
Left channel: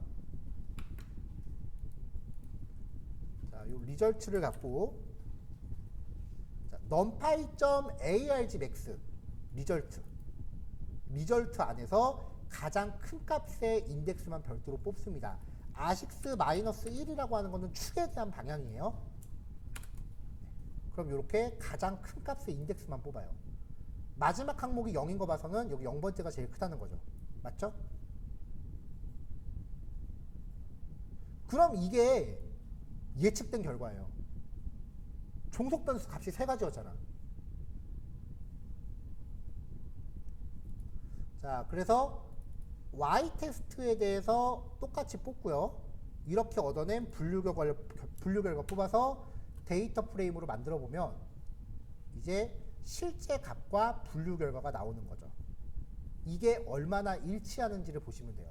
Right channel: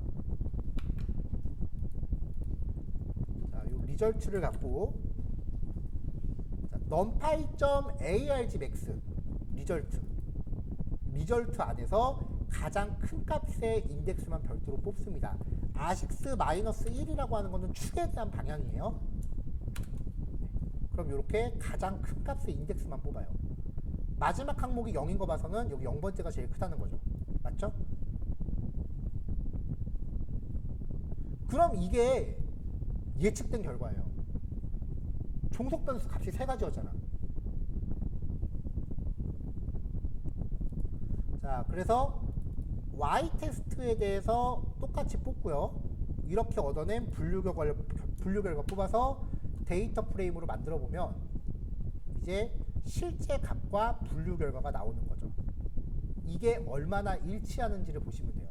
자, 요 리절트를 갖고 자, numpy.argmax 리절트 안에서 가장 큰 값의 인덱스만 별도로 뽑습니다. 아식스-1이라고 하는 거는 축에 대한 방향이에요. 그럼 이렇게 가장 큰 값의 인덱스만 뽑아요. 마지막 항목이 0인 거 봐서는 여기 0번째가 제일 크다는 거죠. 맞죠? 그럼 이게 예측된 결과예요. 종속 변수 값이 3가지였잖아. 자, 그래서 y 테스트에 대해서 똑같이 뽑고요. 이렇게 얻어낸 분류 결과 뽑아서 데이터 프레임으로 만들어 보면 이제 실제 값과 분류 결과가 나오는 거죠. 이게 얼마나 일치하는지를 보시면 돼요.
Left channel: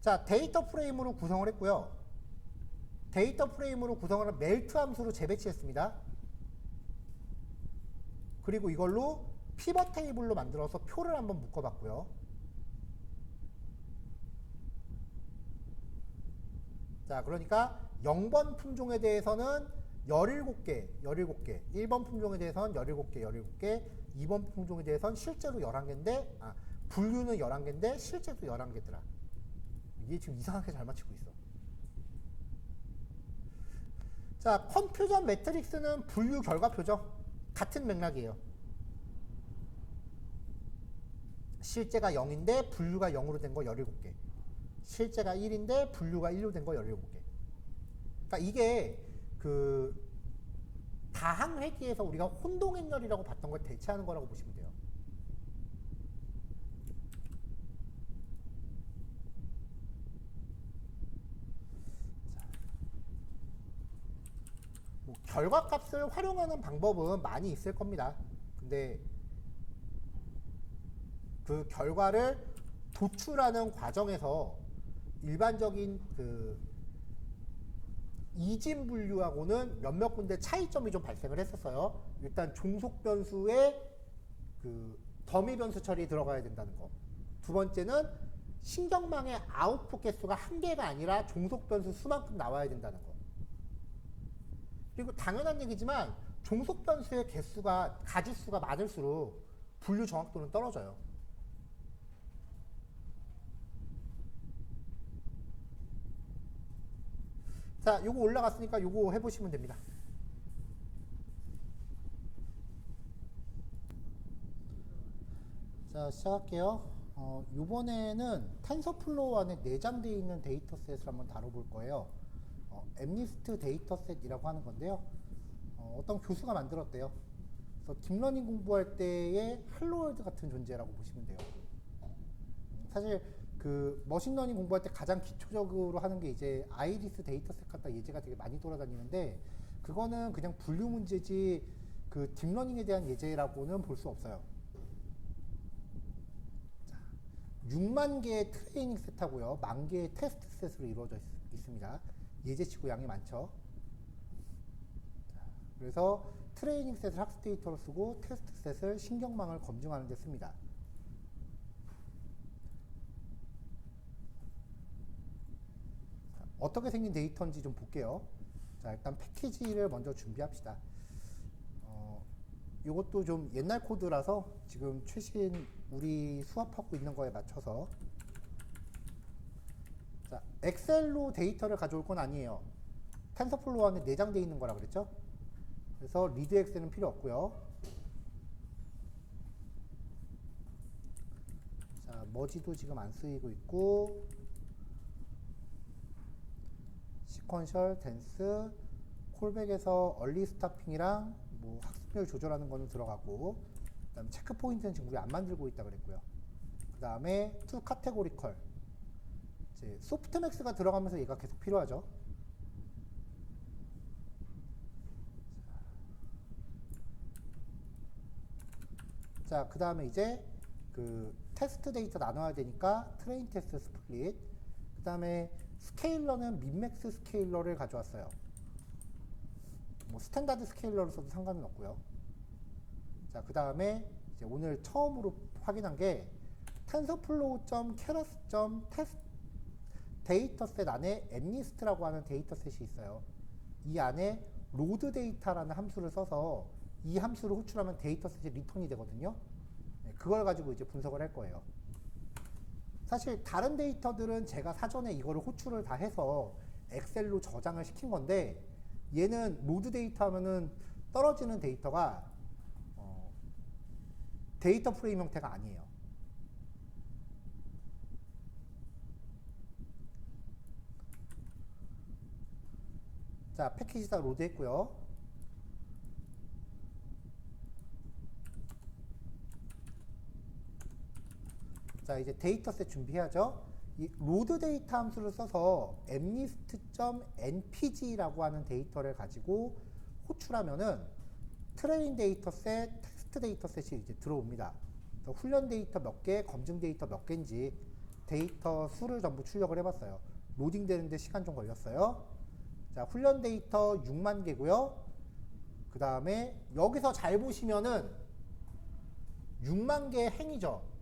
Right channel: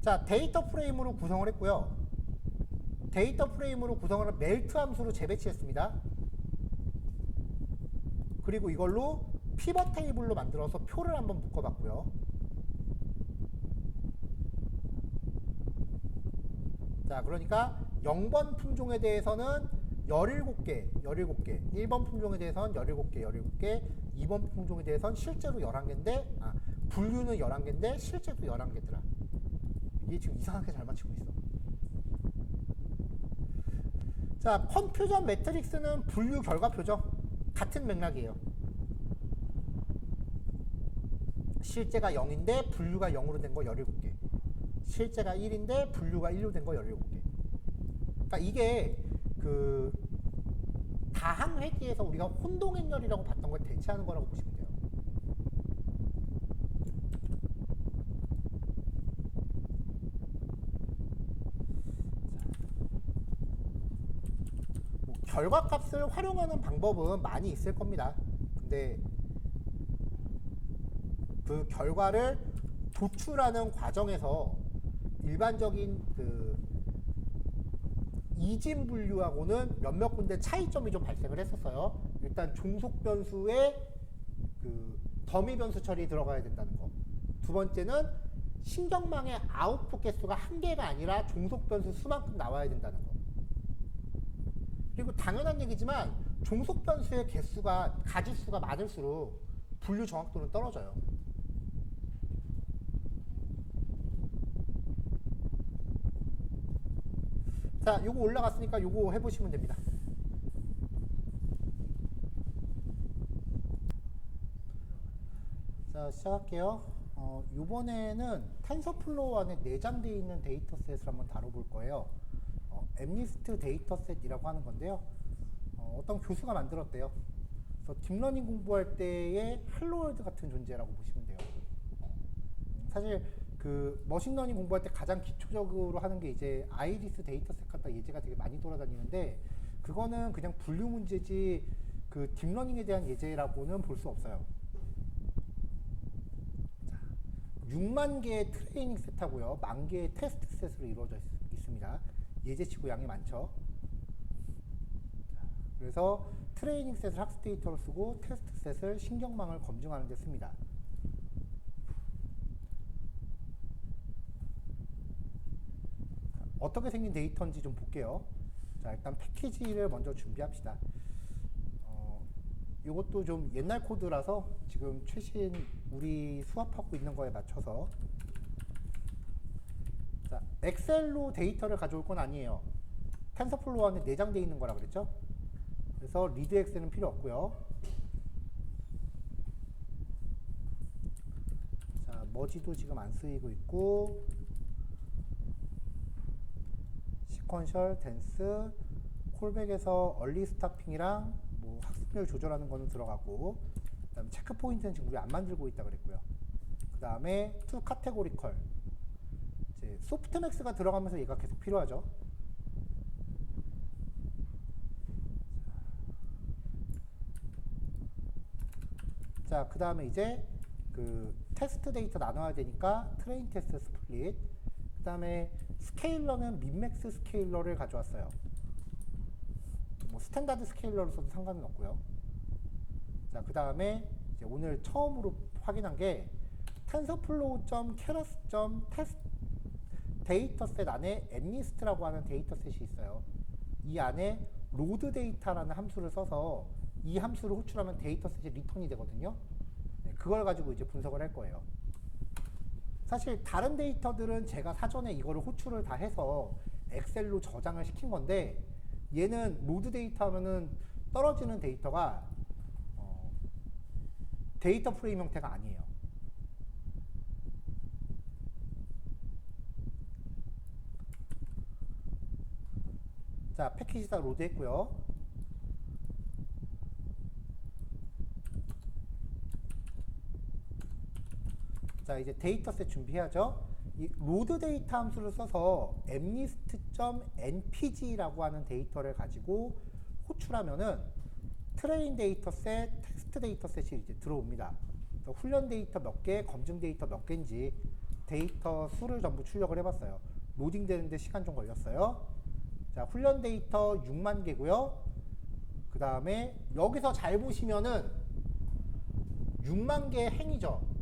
자, 데이터 프레임으로 구성을 했고요. 데이터 프레임으로 구성을 한 멜트 함수로 재배치했습니다. 그리고 이걸로 피벗 테이블로 만들어서 표를 한번 묶어봤고요. 자, 그러니까 0번 품종에 대해서는 17개, 1번 품종에 대해서는 17개, 2번 품종에 대해서는 실제로 11개인데, 분류는 11개인데, 실제로 11개더라. 이게 지금 이상하게 잘 맞추고 있어. 자, 컨퓨전 매트릭스는 분류 결과표죠. 같은 맥락이에요. 실제가 0인데, 분류가 0으로 된 거 17개. 실제가 1인데 분류가 1로 된 거 17개. 그러니까 이게 그 다항 회귀에서 우리가 혼동행렬이라고 봤던 걸 대체하는 거라고 보시면 돼요. 뭐 결과값을 활용하는 방법은 많이 있을 겁니다. 근데 그 결과를 도출하는 과정에서 일반적인 그 이진 분류하고는 몇몇 군데 차이점이 좀 발생을 했었어요. 일단 종속 변수에 그 더미 변수 처리 들어가야 된다는 거. 두 번째는 신경망의 아웃풋 개수가 1개가 아니라 종속 변수 수만큼 나와야 된다는 거. 그리고 당연한 얘기지만 종속 변수의 개수가 가지수가 많을수록 분류 정확도는 떨어져요. 자, 요거 올라갔으니까 요거 해보시면 됩니다. 자, 시작할게요. 요번에는 텐서플로우 안에 내장되어 있는 데이터셋을 한번 다뤄볼 거예요. MNIST 데이터셋이라고 하는 건데요. 어떤 교수가 만들었대요. 그래서 딥러닝 공부할 때의 할로월드 같은 존재라고 보시면 돼요. 사실 그 머신러닝 공부할 때 가장 기초적으로 하는 게 이제 아이리스 데이터셋 갖다 예제가 되게 많이 돌아다니는데, 그거는 그냥 분류 문제지 그 딥러닝에 대한 예제라고는 볼 수 없어요. 자, 6만 개의 트레이닝 셋하고요, 1만 개의 테스트 셋으로 이루어져 있습니다. 예제치고 양이 많죠. 자, 그래서 트레이닝 셋을 학습 데이터로 쓰고 테스트 셋을 신경망을 검증하는 데 씁니다. 어떻게 생긴 데이터인지 좀 볼게요. 자, 일단 패키지를 먼저 준비합시다. 이것도 좀 옛날 코드라서 지금 최신 우리 수합하고 있는 거에 맞춰서. 자, 엑셀로 데이터를 가져올 건 아니에요. 텐서플로우 안에 내장되어 있는 거라 그랬죠? 그래서 리드 엑셀은 필요 없고요. 자, 머지도 지금 안 쓰이고 있고, 시퀀셜, 댄스, 콜백에서 얼리 스타핑이랑 뭐 학습률 조절하는 거는 들어가고, 그 다음에 체크 포인트는 지금 우리 안 만들고 있다 그랬고요. 그 다음에 투 카테고리컬, 이제 소프트맥스가 들어가면서 얘가 계속 필요하죠. 자, 그 다음에 이제 그 테스트 데이터 나눠야 되니까 트레인 테스트 스플릿, 그 다음에 스케일러는 민맥스 스케일러를 가져왔어요. 뭐 스탠다드 스케일러로 써도 상관은 없고요. 자, 그 다음에 이제 오늘 처음으로 확인한 게 tensorflow.keras.test 데이터셋 안에 mnist라고 하는 데이터셋이 있어요. 이 안에 로드 데이터라는 함수를 써서 이 함수를 호출하면 데이터셋이 리턴이 되거든요. 네, 그걸 가지고 이제 분석을 할 거예요. 사실 다른 데이터들은 제가 사전에 이거를 호출을 다 해서 엑셀로 저장을 시킨 건데, 얘는 로드 데이터 하면은 떨어지는 데이터가 데이터 프레임 형태가 아니에요. 자, 패키지 다 로드 했고요. 자, 이제 데이터셋 준비해야죠. 이 로드 데이터 함수를 써서 mnist.npg라고 하는 데이터를 가지고 호출하면은 트레인 데이터셋, 테스트 데이터셋이 이제 들어옵니다. 훈련 데이터 몇 개, 검증 데이터 몇 개인지 데이터 수를 전부 출력을 해봤어요. 로딩 되는데 시간 좀 걸렸어요. 자, 훈련 데이터 6만 개고요. 그 다음에 여기서 잘 보시면은 6만 개의 행이죠.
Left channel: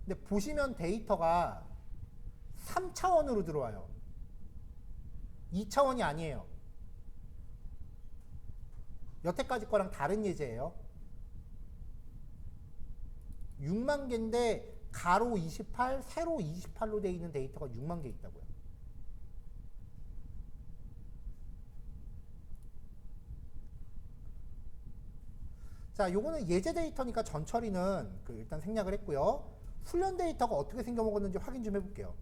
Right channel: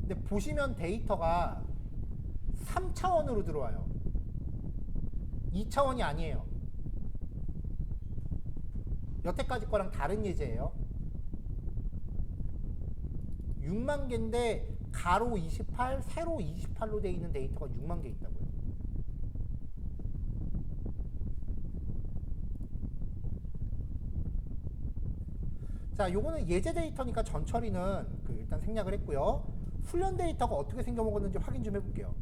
근데 보시면 데이터가 3차원으로 들어와요. 2차원이 아니에요. 여태까지 거랑 다른 예제예요. 6만 개인데 가로 28, 세로 28로 되어 있는 데이터가 6만 개 있다고요. 자, 요거는 예제 데이터니까 전처리는 일단 생략을 했고요. 훈련 데이터가 어떻게 생겨먹었는지 확인 좀 해볼게요.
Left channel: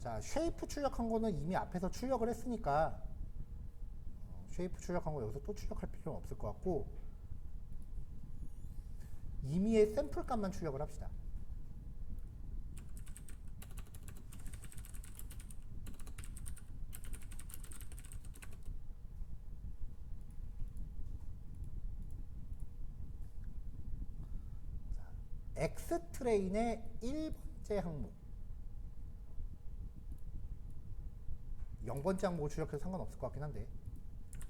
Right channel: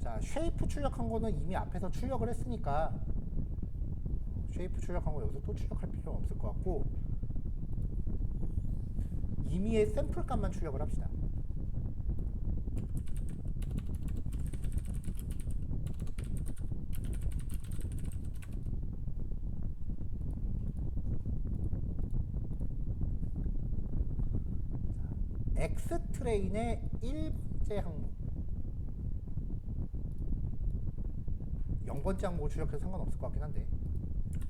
자, 쉐이프 출력한 거는 이미 앞에서 출력을 했으니까 쉐이프 출력한 거 여기서 또 출력할 필요는 없을 것 같고, 임의의 샘플 값만 출력을 합시다. X 트레인의 1번째 항목, 0번째 항목을 출력해도 상관없을 것 같긴 한데,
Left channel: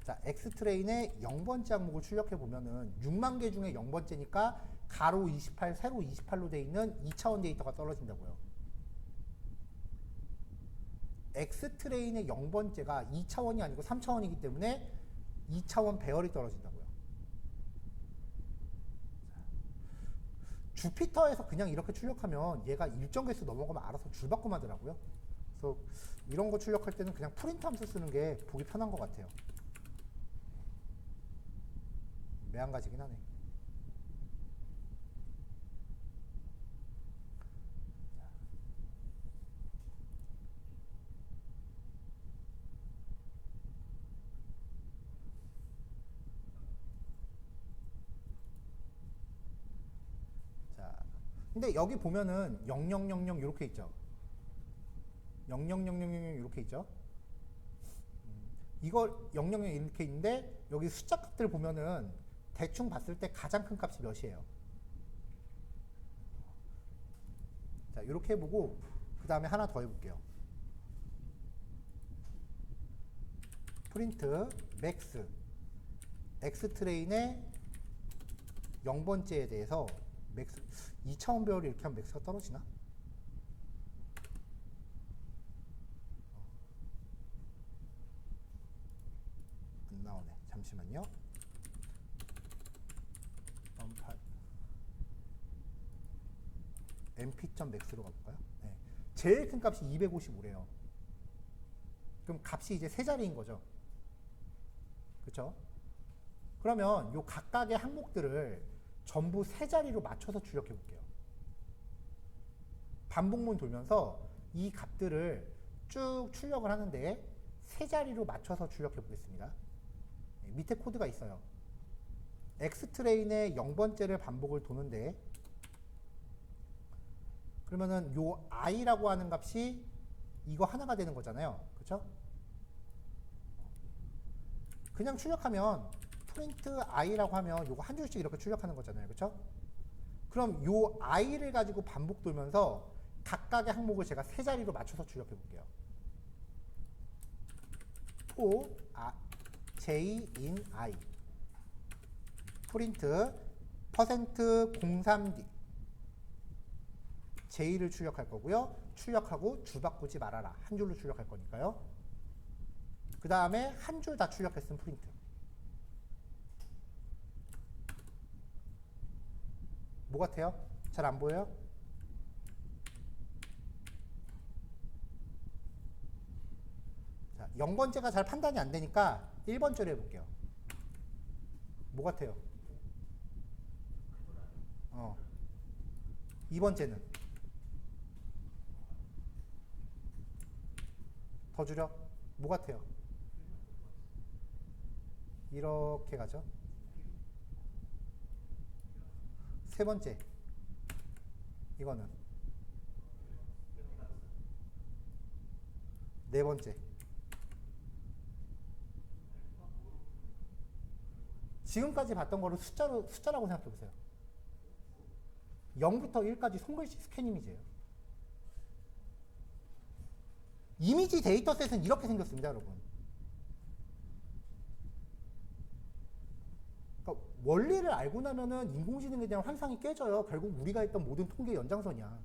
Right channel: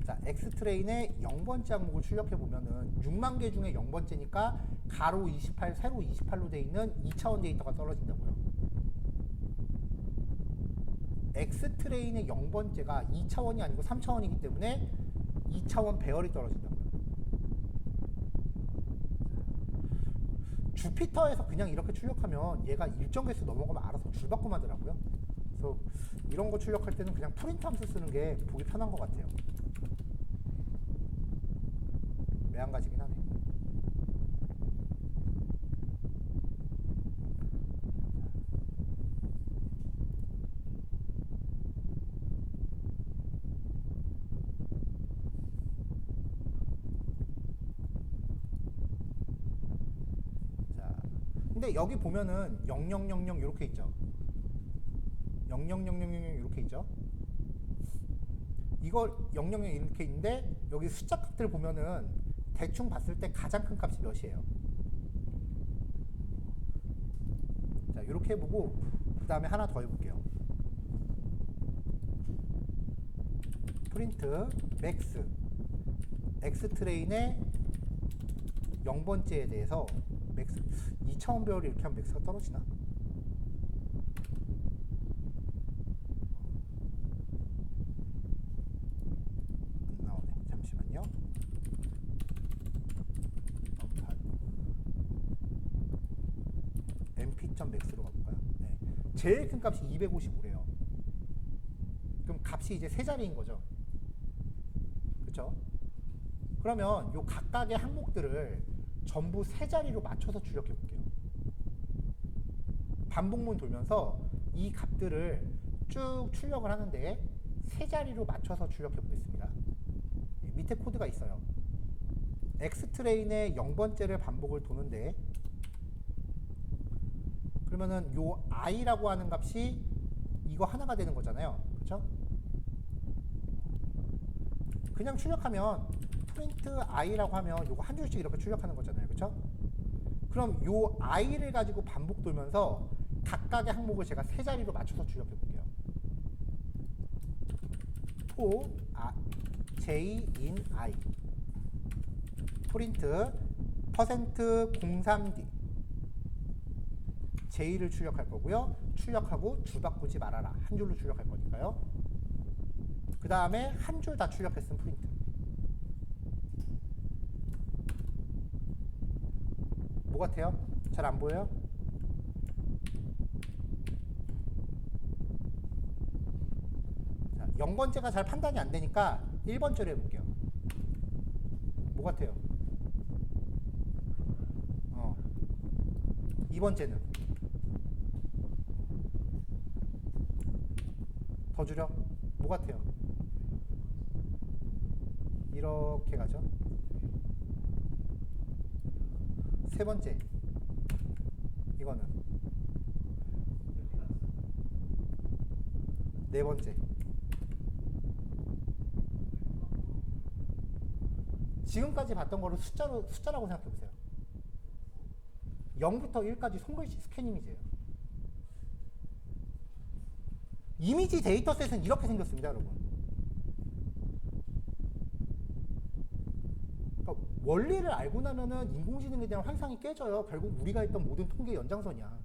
자, X 트레인의 0번째 항목을 출력해 보면은 6만 개 중에 0번째니까 가로 28, 세로 28로 되어 있는 2차원 데이터가 떨어진다고요. X 트레인의 0번째가 2차원이 아니고 3차원이기 때문에 2차원 배열이 떨어진다고요. 주피터에서 그냥 이렇게 출력하면 얘가 일정 개수 넘어가면 알아서 줄바꿈 하더라고요. 그래서 이런 거 출력할 때는 그냥 프린트 함수 쓰는 게 보기 편한 것 같아요. 매한가지긴 하네. 근데 여기 보면은 0000 이렇게 있죠. 0000 이렇게 있죠. 이걸 000 이렇게 있는데 여기 숫자 값들 보면은 대충 봤을 때 가장 큰 값이 몇이에요? 자, 이렇게 해보고 그 다음에 하나 더 해볼게요. 프린트 맥스 X 트레인의 0번째에 대해서 맥스 2차원 배열이 이렇게 하면 맥스가 떨어지나? 안 나오네. 잠시만요. mp.max로 가볼까요? 네. 제일 큰 값이 255래요. 그럼 값이 이제 세 자리인 거죠. 그렇죠? 그러면 요 각각의 항목들을 전부 세 자리로 맞춰서 출력해 볼게요. 반복문 돌면서 이 값들을 쭉 출력을 하는데 세 자리로 맞춰서 출력해 보겠습니다. 밑에 코드가 있어요. X 트레인의 0번째를 반복을 도는데 그러면은 요 i라고 하는 값이 이거 하나가 되는 거잖아요. 그렇죠? 그냥 출력하면 프린트 i라고 하면 요거 한 줄씩 이렇게 출력하는 거잖아요. 그렇죠? 그럼 요 i를 가지고 반복 돌면서 각각의 항목을 제가 세 자리로 맞춰서 출력해 볼게요. for j in i 프린트 %03d j를 출력할 거고요. 출력하고 줄 바꾸지 말아라. 한 줄로 출력할 거니까요. 그 다음에 한 줄 다 출력했으면 프린트. 뭐 같아요? 잘 안 보여요? 자, 0번째가 잘 판단이 안 되니까 1번째로 해볼게요. 뭐 같아요? 2번째는 더 줄여? 뭐 같아요? 이렇게 가죠. 세 번째 이거는 네 번째 지금까지 봤던 거를 숫자라고 생각해 보세요. 0부터 1까지 손글씨 스캔 이미지예요. 이미지 데이터셋은 이렇게 생겼습니다, 여러분. 그러니까 원리를 알고 나면은 인공지능에 대한 환상이 깨져요. 결국 우리가 했던 모든 통계 연장선이야.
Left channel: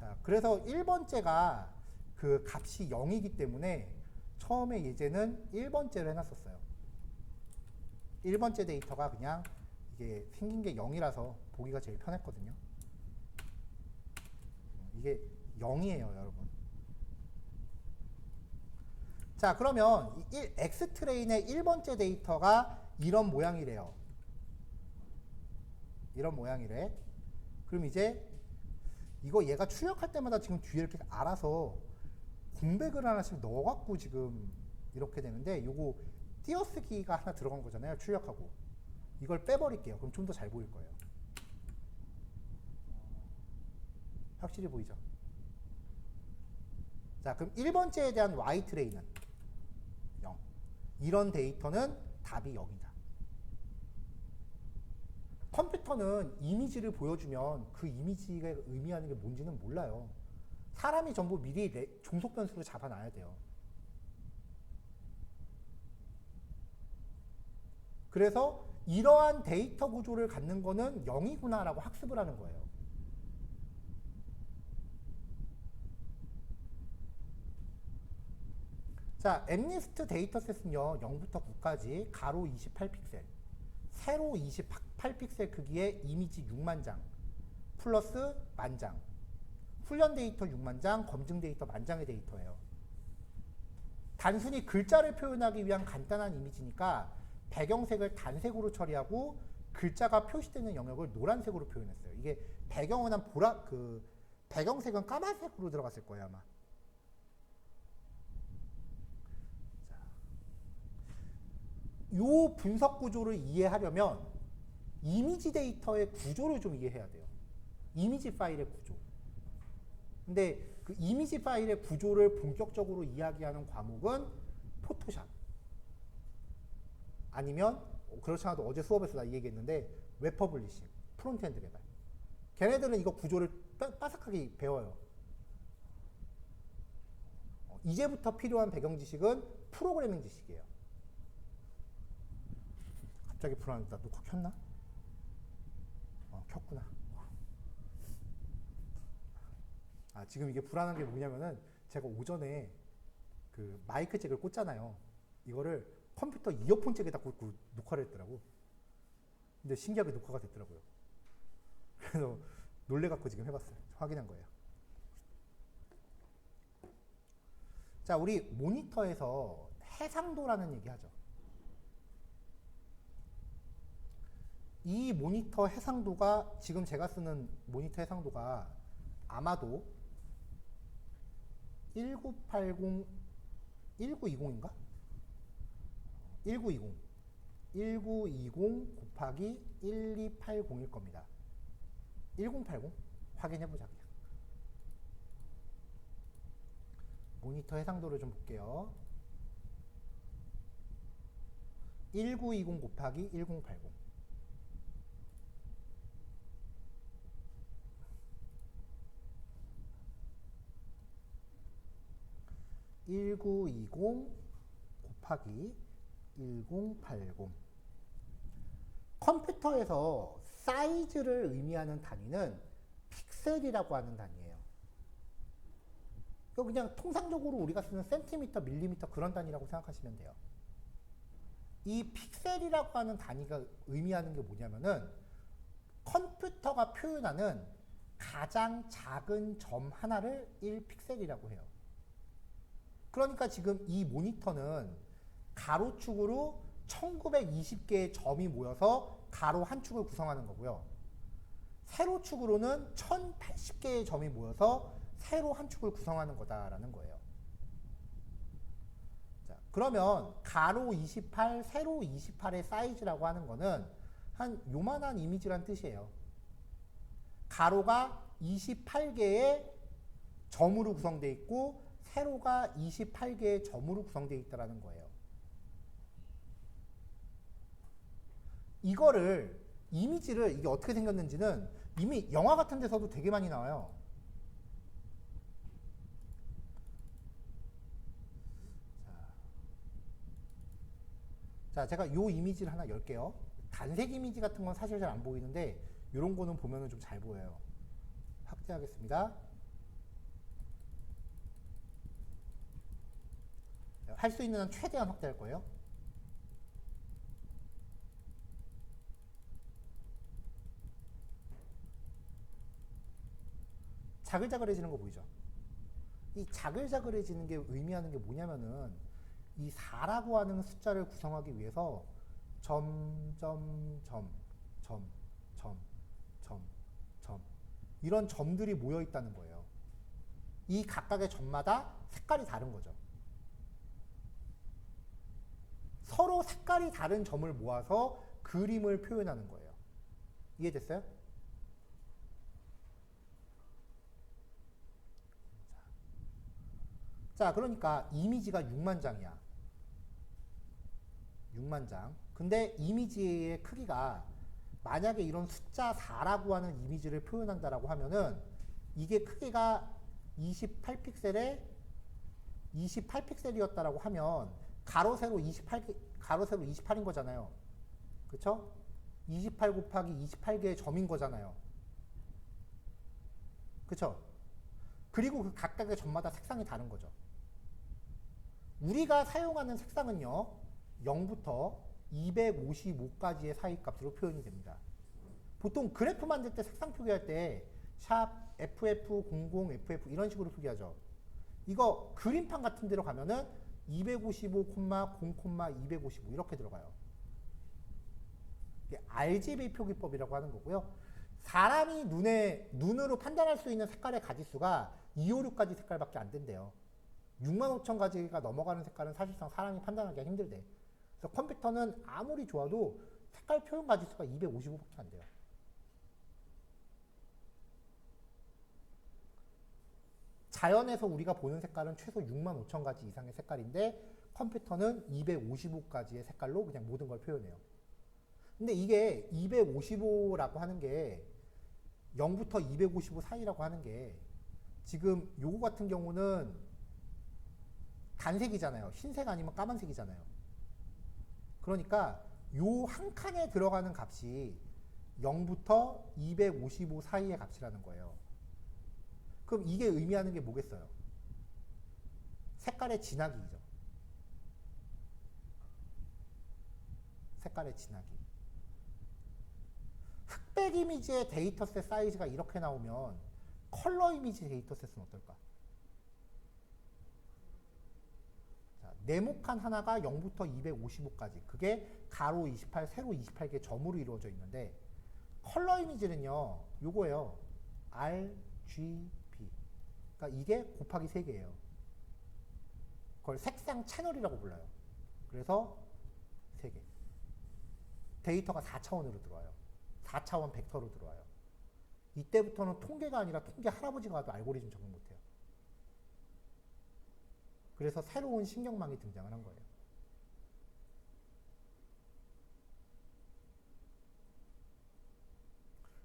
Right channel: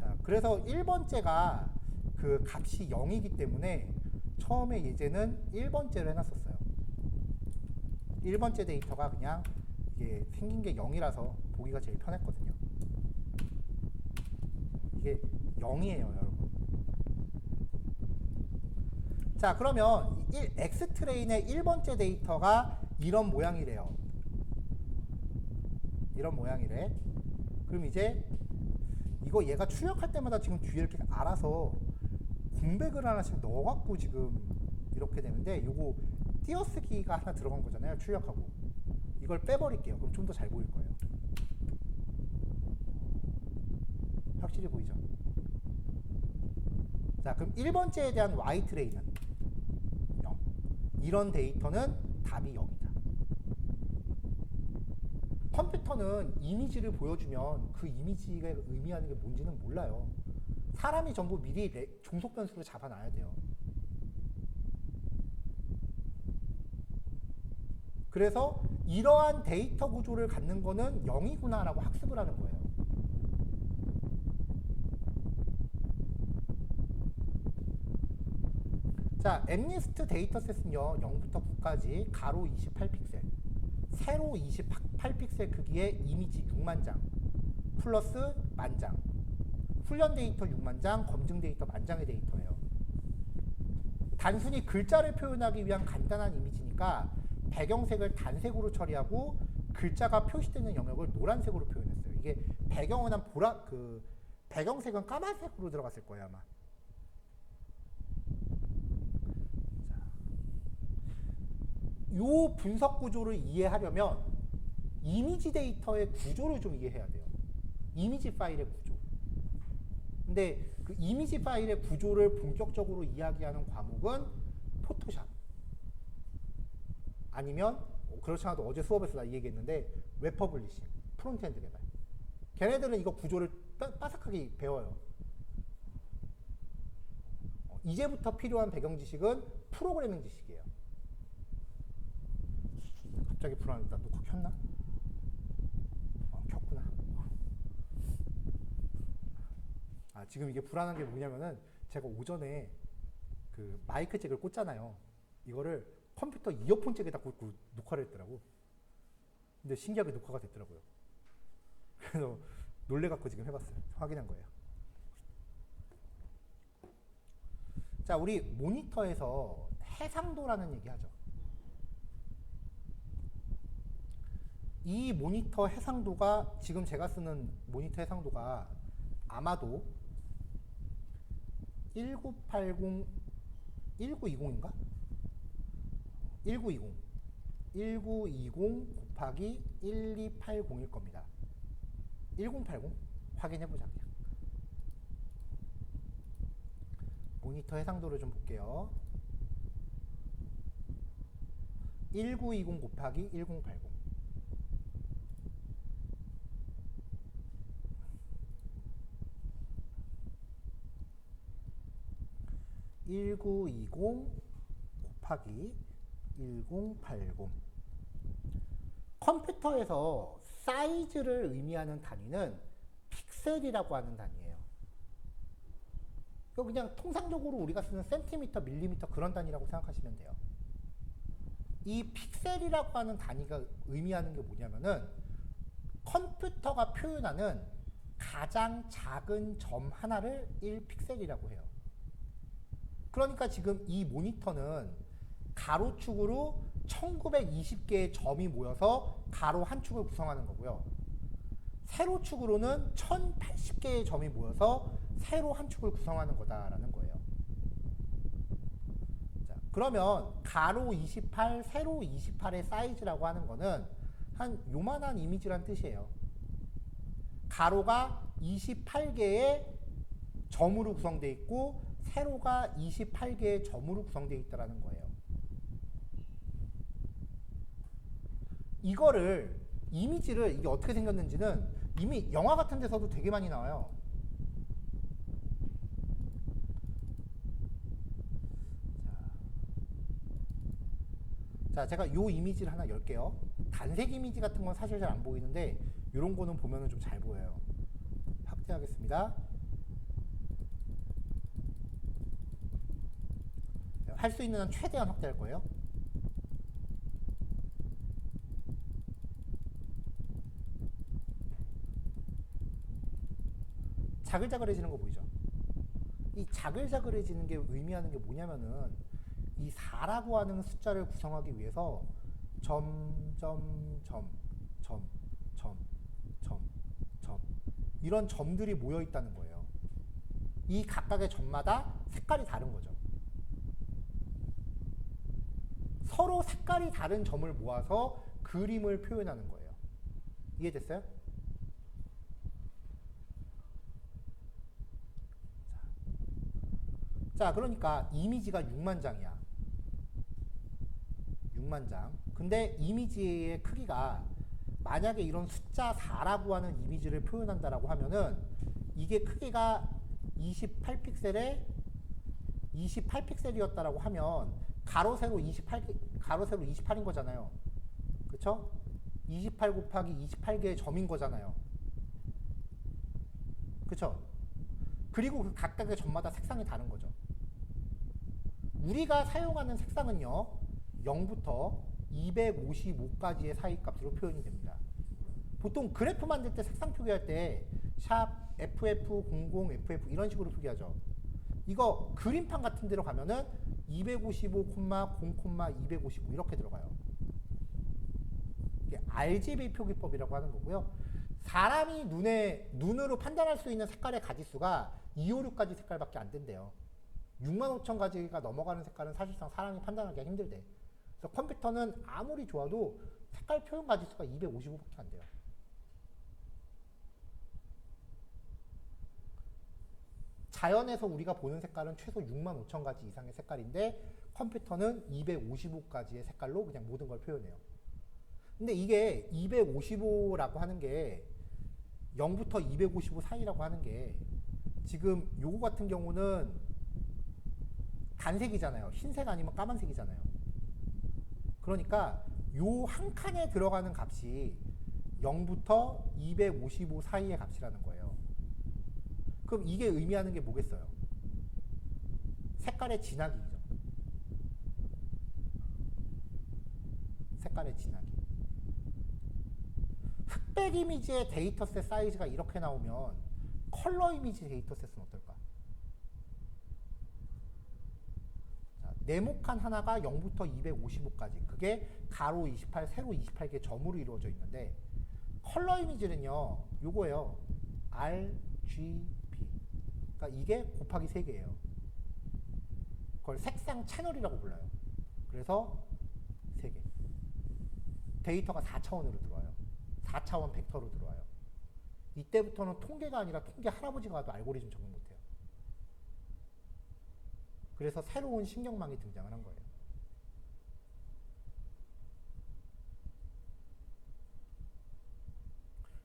자, 그래서 1번째가 그 값이 0이기 때문에 처음에 예제는 1번째로 해놨었어요. 1번째 데이터가 그냥 이게 생긴 게 0이라서 보기가 제일 편했거든요. 이게 0이에요, 여러분. 자, 그러면 X 트레인의 1번째 데이터가 이런 모양이래요. 이런 모양이래. 그럼 이제 이거 얘가 출력할 때마다 지금 뒤에 이렇게 알아서 공백을 하나씩 넣어갖고 지금 이렇게 되는데 요거 띄어쓰기가 하나 들어간 거잖아요. 출력하고. 이걸 빼버릴게요. 그럼 좀 더 잘 보일 거예요. 확실히 보이죠? 자, 그럼 1번째에 대한 Y 트레이는 0. 이런 데이터는 답이 0이다. 컴퓨터는 이미지를 보여주면 그 이미지가 의미하는 게 뭔지는 몰라요. 사람이 전부 미리 종속 변수로 잡아놔야 돼요. 그래서 이러한 데이터 구조를 갖는 거는 0이구나라고 학습을 하는 거예요. 자, 엠니스트 데이터셋은요, 0부터 9까지 가로 28픽셀, 세로 28픽셀 크기의 이미지 6만 장, 플러스 만장, 훈련 데이터 6만 장, 검증 데이터 만장의 데이터예요. 단순히 글자를 표현하기 위한 간단한 이미지니까 배경색을 단색으로 처리하고 글자가 표시되는 영역을 노란색으로 표현했어요. 이게 배경은 배경색은 까만색으로 들어갔을 거예요, 아마. 자, 요 분석 구조를 이해하려면 이미지 데이터의 구조를 좀 이해해야 돼요. 이미지 파일의 구조. 근데 그 이미지 파일의 구조를 본격적으로 이야기하는 과목은 포토샵. 아니면 그렇지 않아도 어제 수업에서 나 이 얘기했는데 웹 퍼블리싱, 프론트엔드 개발. 걔네들은 이거 구조를 빠삭하게 배워요. 이제부터 필요한 배경 지식은 프로그래밍 지식이에요. 갑자기 불안하다. 녹화 켰나? 켰구나. 지금 이게 불안한 게 뭐냐면은 제가 오전에 그 마이크 잭을 꽂잖아요. 이거를 컴퓨터 이어폰 잭에다 꽂고 녹화를 했더라고. 근데 신기하게 녹화가 됐더라고요. 그래서 놀래갖고 지금 해봤어요. 확인한 거예요. 자, 우리 모니터에서 해상도라는 얘기 하죠. 이 모니터 해상도가, 지금 제가 쓰는 모니터 해상도가 아마도 1980, 1920인가? 1920 곱하기 1280일 겁니다. 1080? 확인해보자 그냥. 모니터 해상도를 좀 볼게요. 1920 곱하기 1080. 1920 곱하기 1080. 컴퓨터에서 사이즈를 의미하는 단위는 픽셀이라고 하는 단위예요. 이거 그냥 통상적으로 우리가 쓰는 센티미터, 밀리미터 그런 단위라고 생각하시면 돼요. 이 픽셀이라고 하는 단위가 의미하는 게 뭐냐면은 컴퓨터가 표현하는 가장 작은 점 하나를 1픽셀이라고 해요. 그러니까 지금 이 모니터는 가로축으로 1920개의 점이 모여서 가로 한 축을 구성하는 거고요. 세로축으로는 1080개의 점이 모여서 세로 한 축을 구성하는 거다라는 거예요. 자, 그러면 가로 28, 세로 28의 사이즈라고 하는 거는 한 요만한 이미지란 뜻이에요. 가로가 28개의 점으로 구성되어 있고 세로가 28개의 점으로 구성되어 있다는 거예요. 이거를, 이미지를 이게 어떻게 생겼는지는 이미 영화 같은 데서도 되게 많이 나와요. 자, 제가 요 이미지를 하나 열게요. 단색 이미지 같은 건 사실 잘 안 보이는데 이런 거는 보면은 좀 잘 보여요. 확대하겠습니다. 할 수 있는 한 최대한 확대할 거예요. 자글자글해지는 거 보이죠? 이 자글자글해지는 게 의미하는 게 뭐냐면은 이 4라고 하는 숫자를 구성하기 위해서 점 이런 점들이 모여 있다는 거예요. 이 각각의 점마다 색깔이 다른 거죠. 서로 색깔이 다른 점을 모아서 그림을 표현하는 거예요. 이해됐어요? 자, 그러니까 이미지가 6만 장이야. 6만 장. 근데 이미지의 크기가 만약에 이런 숫자 4라고 하는 이미지를 표현한다라고 하면은 이게 크기가 28픽셀에 28픽셀이었다라고 하면 가로 세로 28인 거잖아요. 그쵸? 28 곱하기 28개의 점인 거잖아요. 그쵸? 그리고 그 각각의 점마다 색상이 다른 거죠. 우리가 사용하는 색상은요, 0부터 255까지의 사이 값으로 표현이 됩니다. 보통 그래프 만들 때 색상 표기할 때 샵 FF00 FF 이런 식으로 표기하죠. 이거 그림판 같은 데로 가면은 255, 0, 255 이렇게 들어가요. 이게 RGB 표기법이라고 하는 거고요. 사람이 눈으로 판단할 수 있는 색깔의 가지수가 256가지 색깔밖에 안 된대요. 65,000가지가 넘어가는 색깔은 사실상 사람이 판단하기가 힘들대. 그래서 컴퓨터는 아무리 좋아도 색깔 표현 가지수가 255밖에 안 돼요. 자연에서 우리가 보는 색깔은 최소 6만 5천 가지 이상의 색깔인데 컴퓨터는 255가지의 색깔로 그냥 모든 걸 표현해요. 근데 이게 255라고 하는 게 0부터 255 사이라고 하는 게 지금 요거 같은 경우는 단색이잖아요. 흰색 아니면 까만색이잖아요. 그러니까 요 한 칸에 들어가는 값이 0부터 255 사이의 값이라는 거예요. 그럼 이게 의미하는 게 뭐겠어요? 색깔의 진하기죠. 색깔의 진하기. 흑백 이미지의 데이터셋 사이즈가 이렇게 나오면 컬러 이미지 데이터셋은 어떨까? 자, 네모칸 하나가 0부터 255까지. 그게 가로 28, 세로 28개 점으로 이루어져 있는데 컬러 이미지는요. 요거예요. RGB. 그러니까 이게 곱하기 3개예요. 그걸 색상 채널이라고 불러요. 그래서 3개. 데이터가 4차원으로 들어와요. 4차원 벡터로 들어와요. 이때부터는 통계가 아니라 통계 할아버지가 와도 알고리즘 적용 못해요. 그래서 새로운 신경망이 등장을 한 거예요.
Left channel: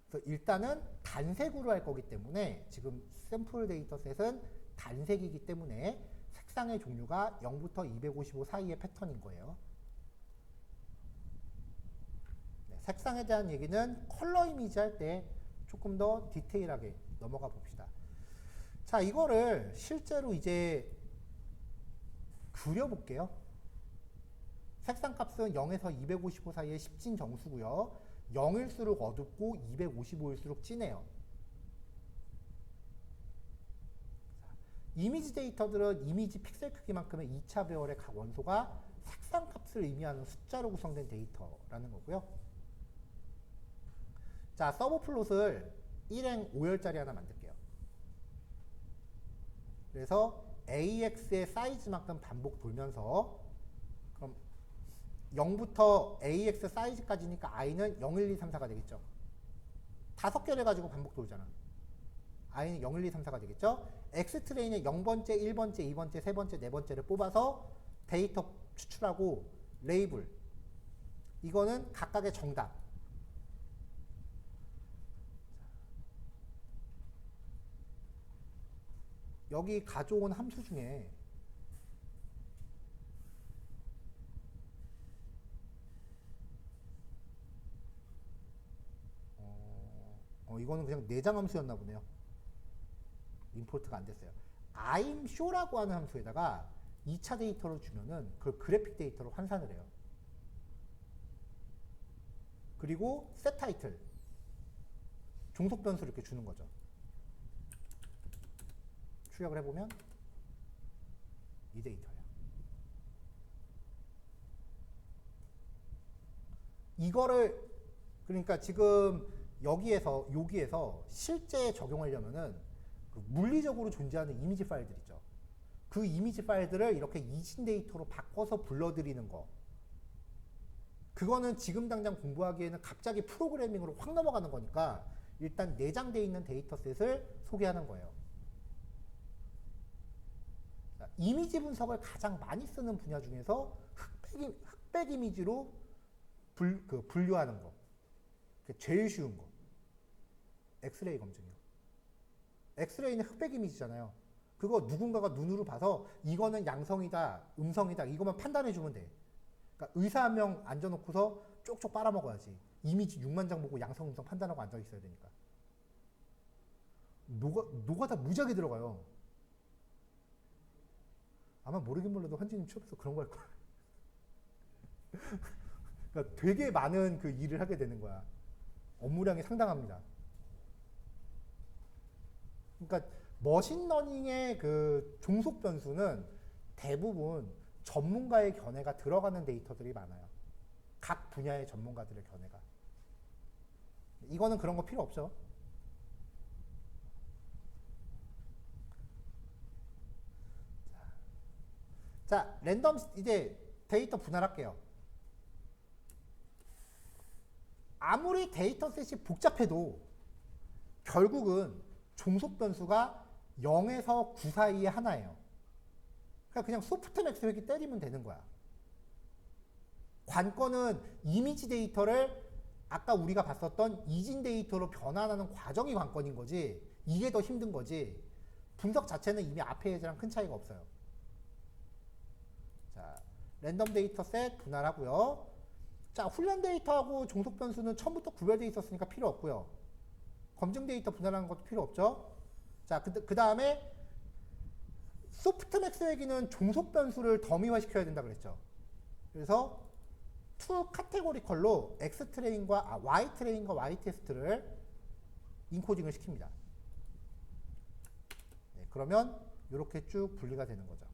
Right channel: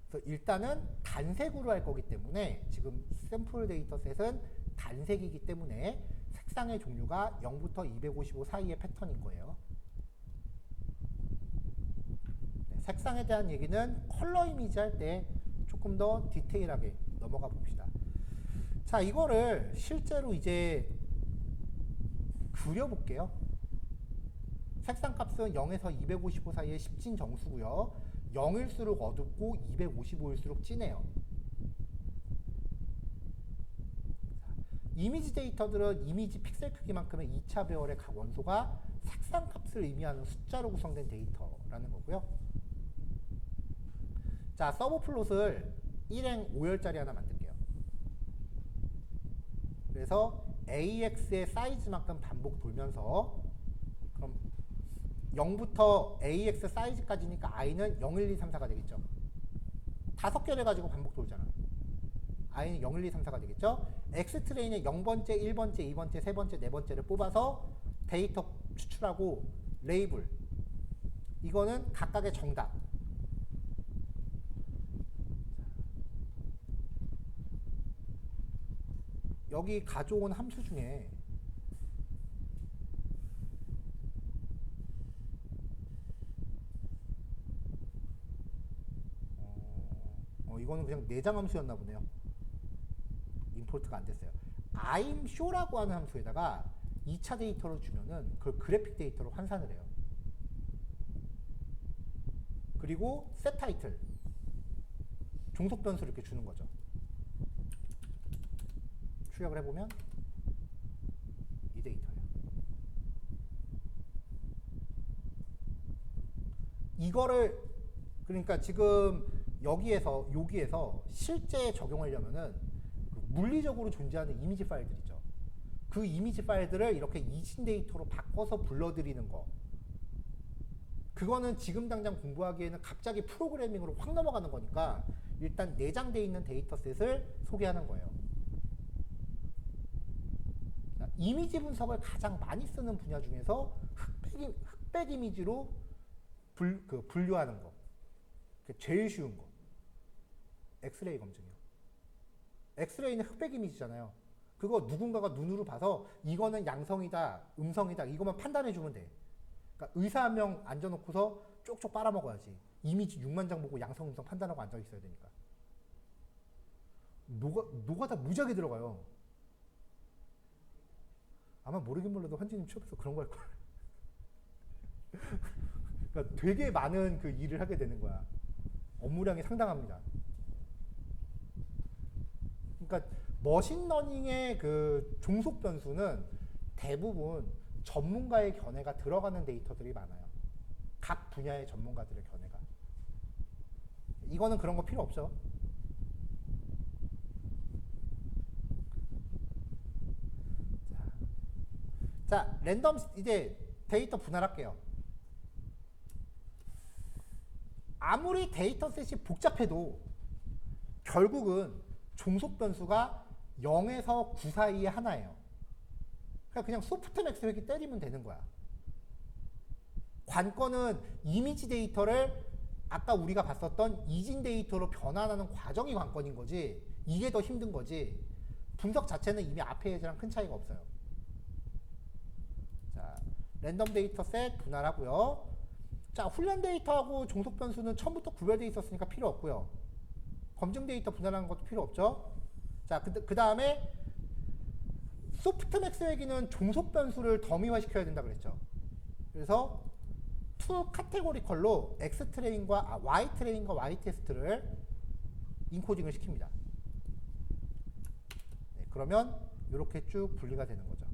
그래서 일단은 단색으로 할 거기 때문에 지금 샘플 데이터셋은 단색이기 때문에 색상의 종류가 0부터 255 사이의 패턴인 거예요. 네, 색상에 대한 얘기는 컬러 이미지 할 때 조금 더 디테일하게 넘어가 봅시다. 자, 이거를 실제로 이제 그려볼게요. 색상 값은 0에서 255 사이의 10진 정수고요. 0일수록 어둡고 255일수록 진해요. 이미지 데이터들은 이미지 픽셀 크기만큼의 2차 배열의 각 원소가 색상 값을 의미하는 숫자로 구성된 데이터라는 거고요. 자, 서브 플롯을 1행 5열짜리 하나 만들게요. 그래서 AX의 사이즈만큼 반복 돌면서 그럼 0부터 AX 사이즈까지니까 I는 0, 1, 2, 3, 4가 되겠죠. 5개를 가지고 반복 돌잖아. I는 0, 1, 2, 3, 4가 되겠죠. X 트레인에 0번째, 1번째, 2번째, 3번째, 4번째를 뽑아서 데이터 추출하고 레이블. 이거는 각각의 정답. 여기 가져온 함수 중에 이거는 그냥 내장 함수였나 보네요. 임포트가 안 됐어요. I'm show라고 하는 함수에다가 2차 데이터를 주면은 그걸 그래픽 데이터로 환산을 해요. 그리고 set title 종속 변수를 이렇게 주는 거죠. 출력을 해보면 이 데이터예요. 이거를 그러니까 지금 여기에서 실제 적용하려면은 그 물리적으로 존재하는 이미지 파일들 있죠. 그 이미지 파일들을 이렇게 이진 데이터로 바꿔서 불러들이는 거. 그거는 지금 당장 공부하기에는 갑자기 프로그래밍으로 확 넘어가는 거니까 일단 내장되어 있는 데이터셋을 소개하는 거예요. 자, 이미지 분석을 가장 많이 쓰는 분야 중에서 흑백 이미지로 분류하는 거. 제일 쉬운 거. 엑스레이 검증이요. 엑스레이는 흑백 이미지잖아요. 그거 누군가가 눈으로 봐서 이거는 양성이다, 음성이다 이것만 판단해 주면 돼. 그러니까 의사 한 명 앉아놓고서 쪽쪽 빨아먹어야지. 이미지 6만 장 보고 양성, 음성 판단하고 앉아 있어야 되니까. 노가다 무지하게 들어가요. 아마 모르긴 몰라도 환지님 취업해서 그런 거 할 거야. 그러니까 되게 많은 그 일을 하게 되는 거야. 업무량이 상당합니다. 그러니까 머신러닝의 그 종속 변수는 대부분 전문가의 견해가 들어가는 데이터들이 많아요. 각 분야의 전문가들의 견해가. 이거는 그런 거 필요 없죠. 자, 랜덤 이제 데이터 분할할게요. 아무리 데이터셋이 복잡해도 결국은 종속 변수가 0에서 9 사이에 하나예요. 그냥 소프트맥스 회귀 때리면 되는 거야. 관건은 이미지 데이터를 아까 우리가 봤었던 이진 데이터로 변환하는 과정이 관건인 거지, 이게 더 힘든 거지, 분석 자체는 이미 앞에 예제랑 큰 차이가 없어요. 자, 랜덤 데이터셋 분할하고요. 자, 훈련 데이터하고 종속 변수는 처음부터 구별되어 있었으니까 필요 없고요. 검증 데이터 분할하는 것도 필요 없죠. 자, 그 다음에 소프트맥스 회귀는 종속 변수를 더미화 시켜야 된다 그랬죠. 그래서 투 카테고리컬로 X 트레인과 Y 트레인과 Y 테스트를 인코딩을 시킵니다. 네, 그러면 이렇게 쭉 분리가 되는 거죠.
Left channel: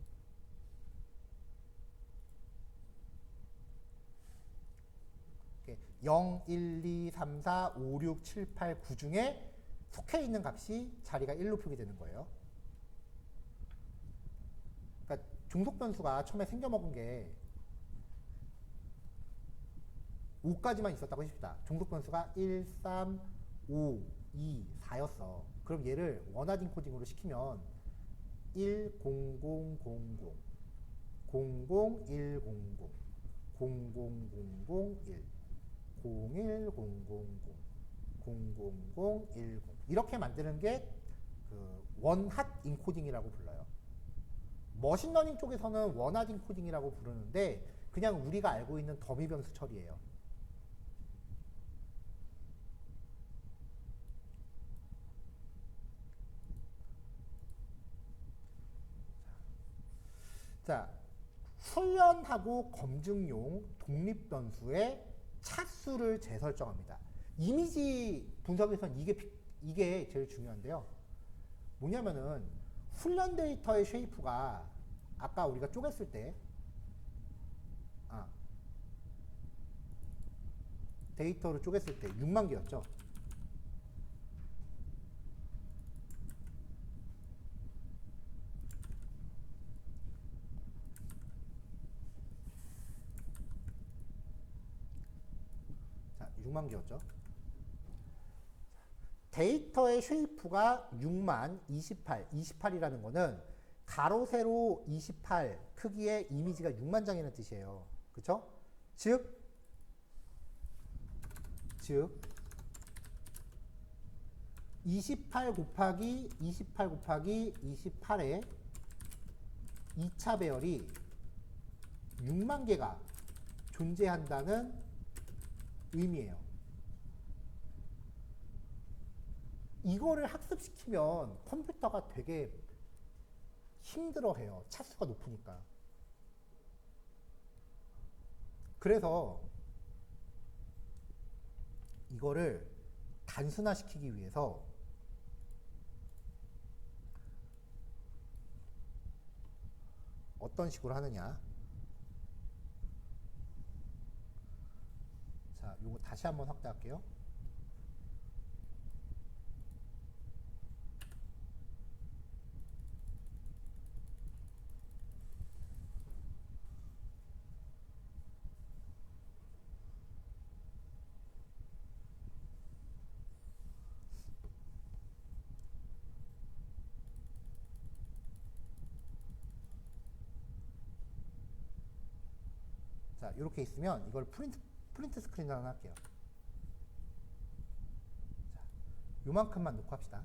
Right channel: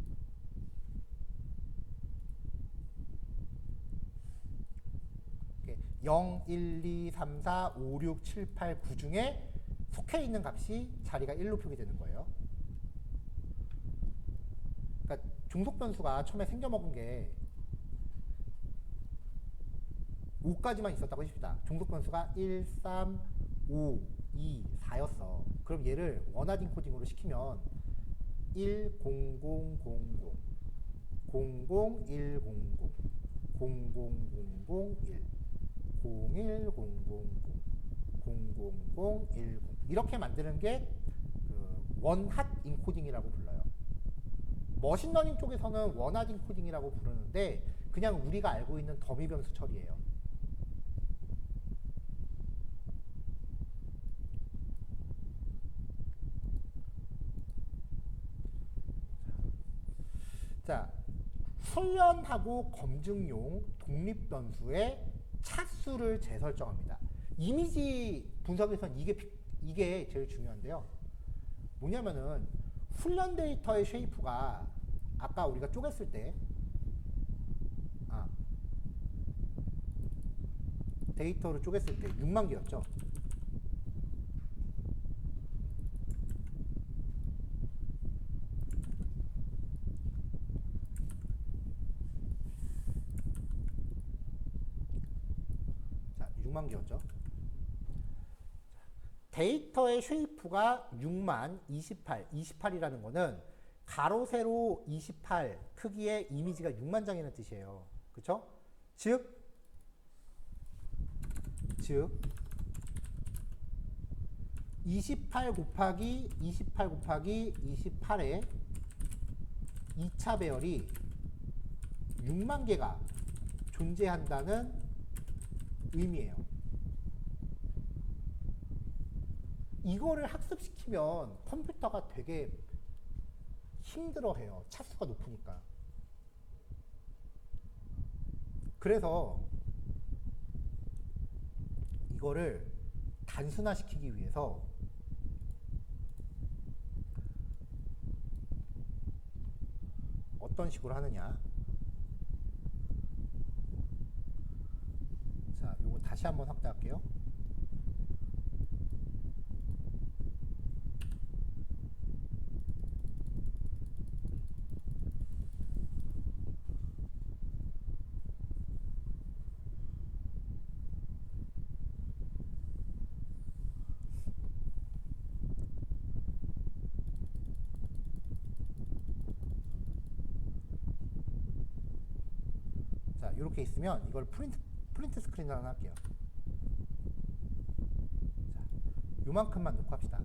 이렇게 0, 1, 2, 3, 4, 5, 6, 7, 8, 9 중에 속해 있는 값이 자리가 1로 표기되는 거예요. 그러니까 종속 변수가 처음에 생겨먹은 게 5까지만 있었다고 해줍시다. 종속 변수가 1, 3, 5, 2, 4였어. 그럼 얘를 원하드 인코딩으로 시키면 1, 0, 0, 0, 0, 0, 0, 1, 0, 0, 0, 0, 0, 0, 1, 0, 1, 0, 0, 0, 0, 0, 0, 1, 0 이렇게 만드는 게 그 원핫 인코딩이라고 불러요. 머신러닝 쪽에서는 원핫 인코딩이라고 부르는데 그냥 우리가 알고 있는 더미 변수 처리예요. 자, 훈련하고 검증용 독립 변수의 차수를 재설정합니다. 이미지 분석에서는 이게 제일 중요한데요. 뭐냐면은 훈련 데이터의 쉐이프가 아까 우리가 쪼갰을 때 데이터를 쪼갰을 때 6만 개였죠. 자, 6만 개였죠. 데이터의 쉐이프가 6만 28, 28이라는 거는 가로 세로 28 크기의 이미지가 6만 장이라는 뜻이에요. 그쵸? 즉 28 곱하기 28 곱하기 28의 2차 배열이 6만 개가 존재한다는 의미예요. 이거를 학습시키면 컴퓨터가 되게 힘들어해요. 차수가 높으니까. 그래서 이거를 단순화시키기 위해서 어떤 식으로 하느냐. 자, 요거 다시 한번 확대할게요. 자, 이렇게 있으면 이걸 프린트 스크린 하나 할게요. 자, 요만큼만 놓고 합시다.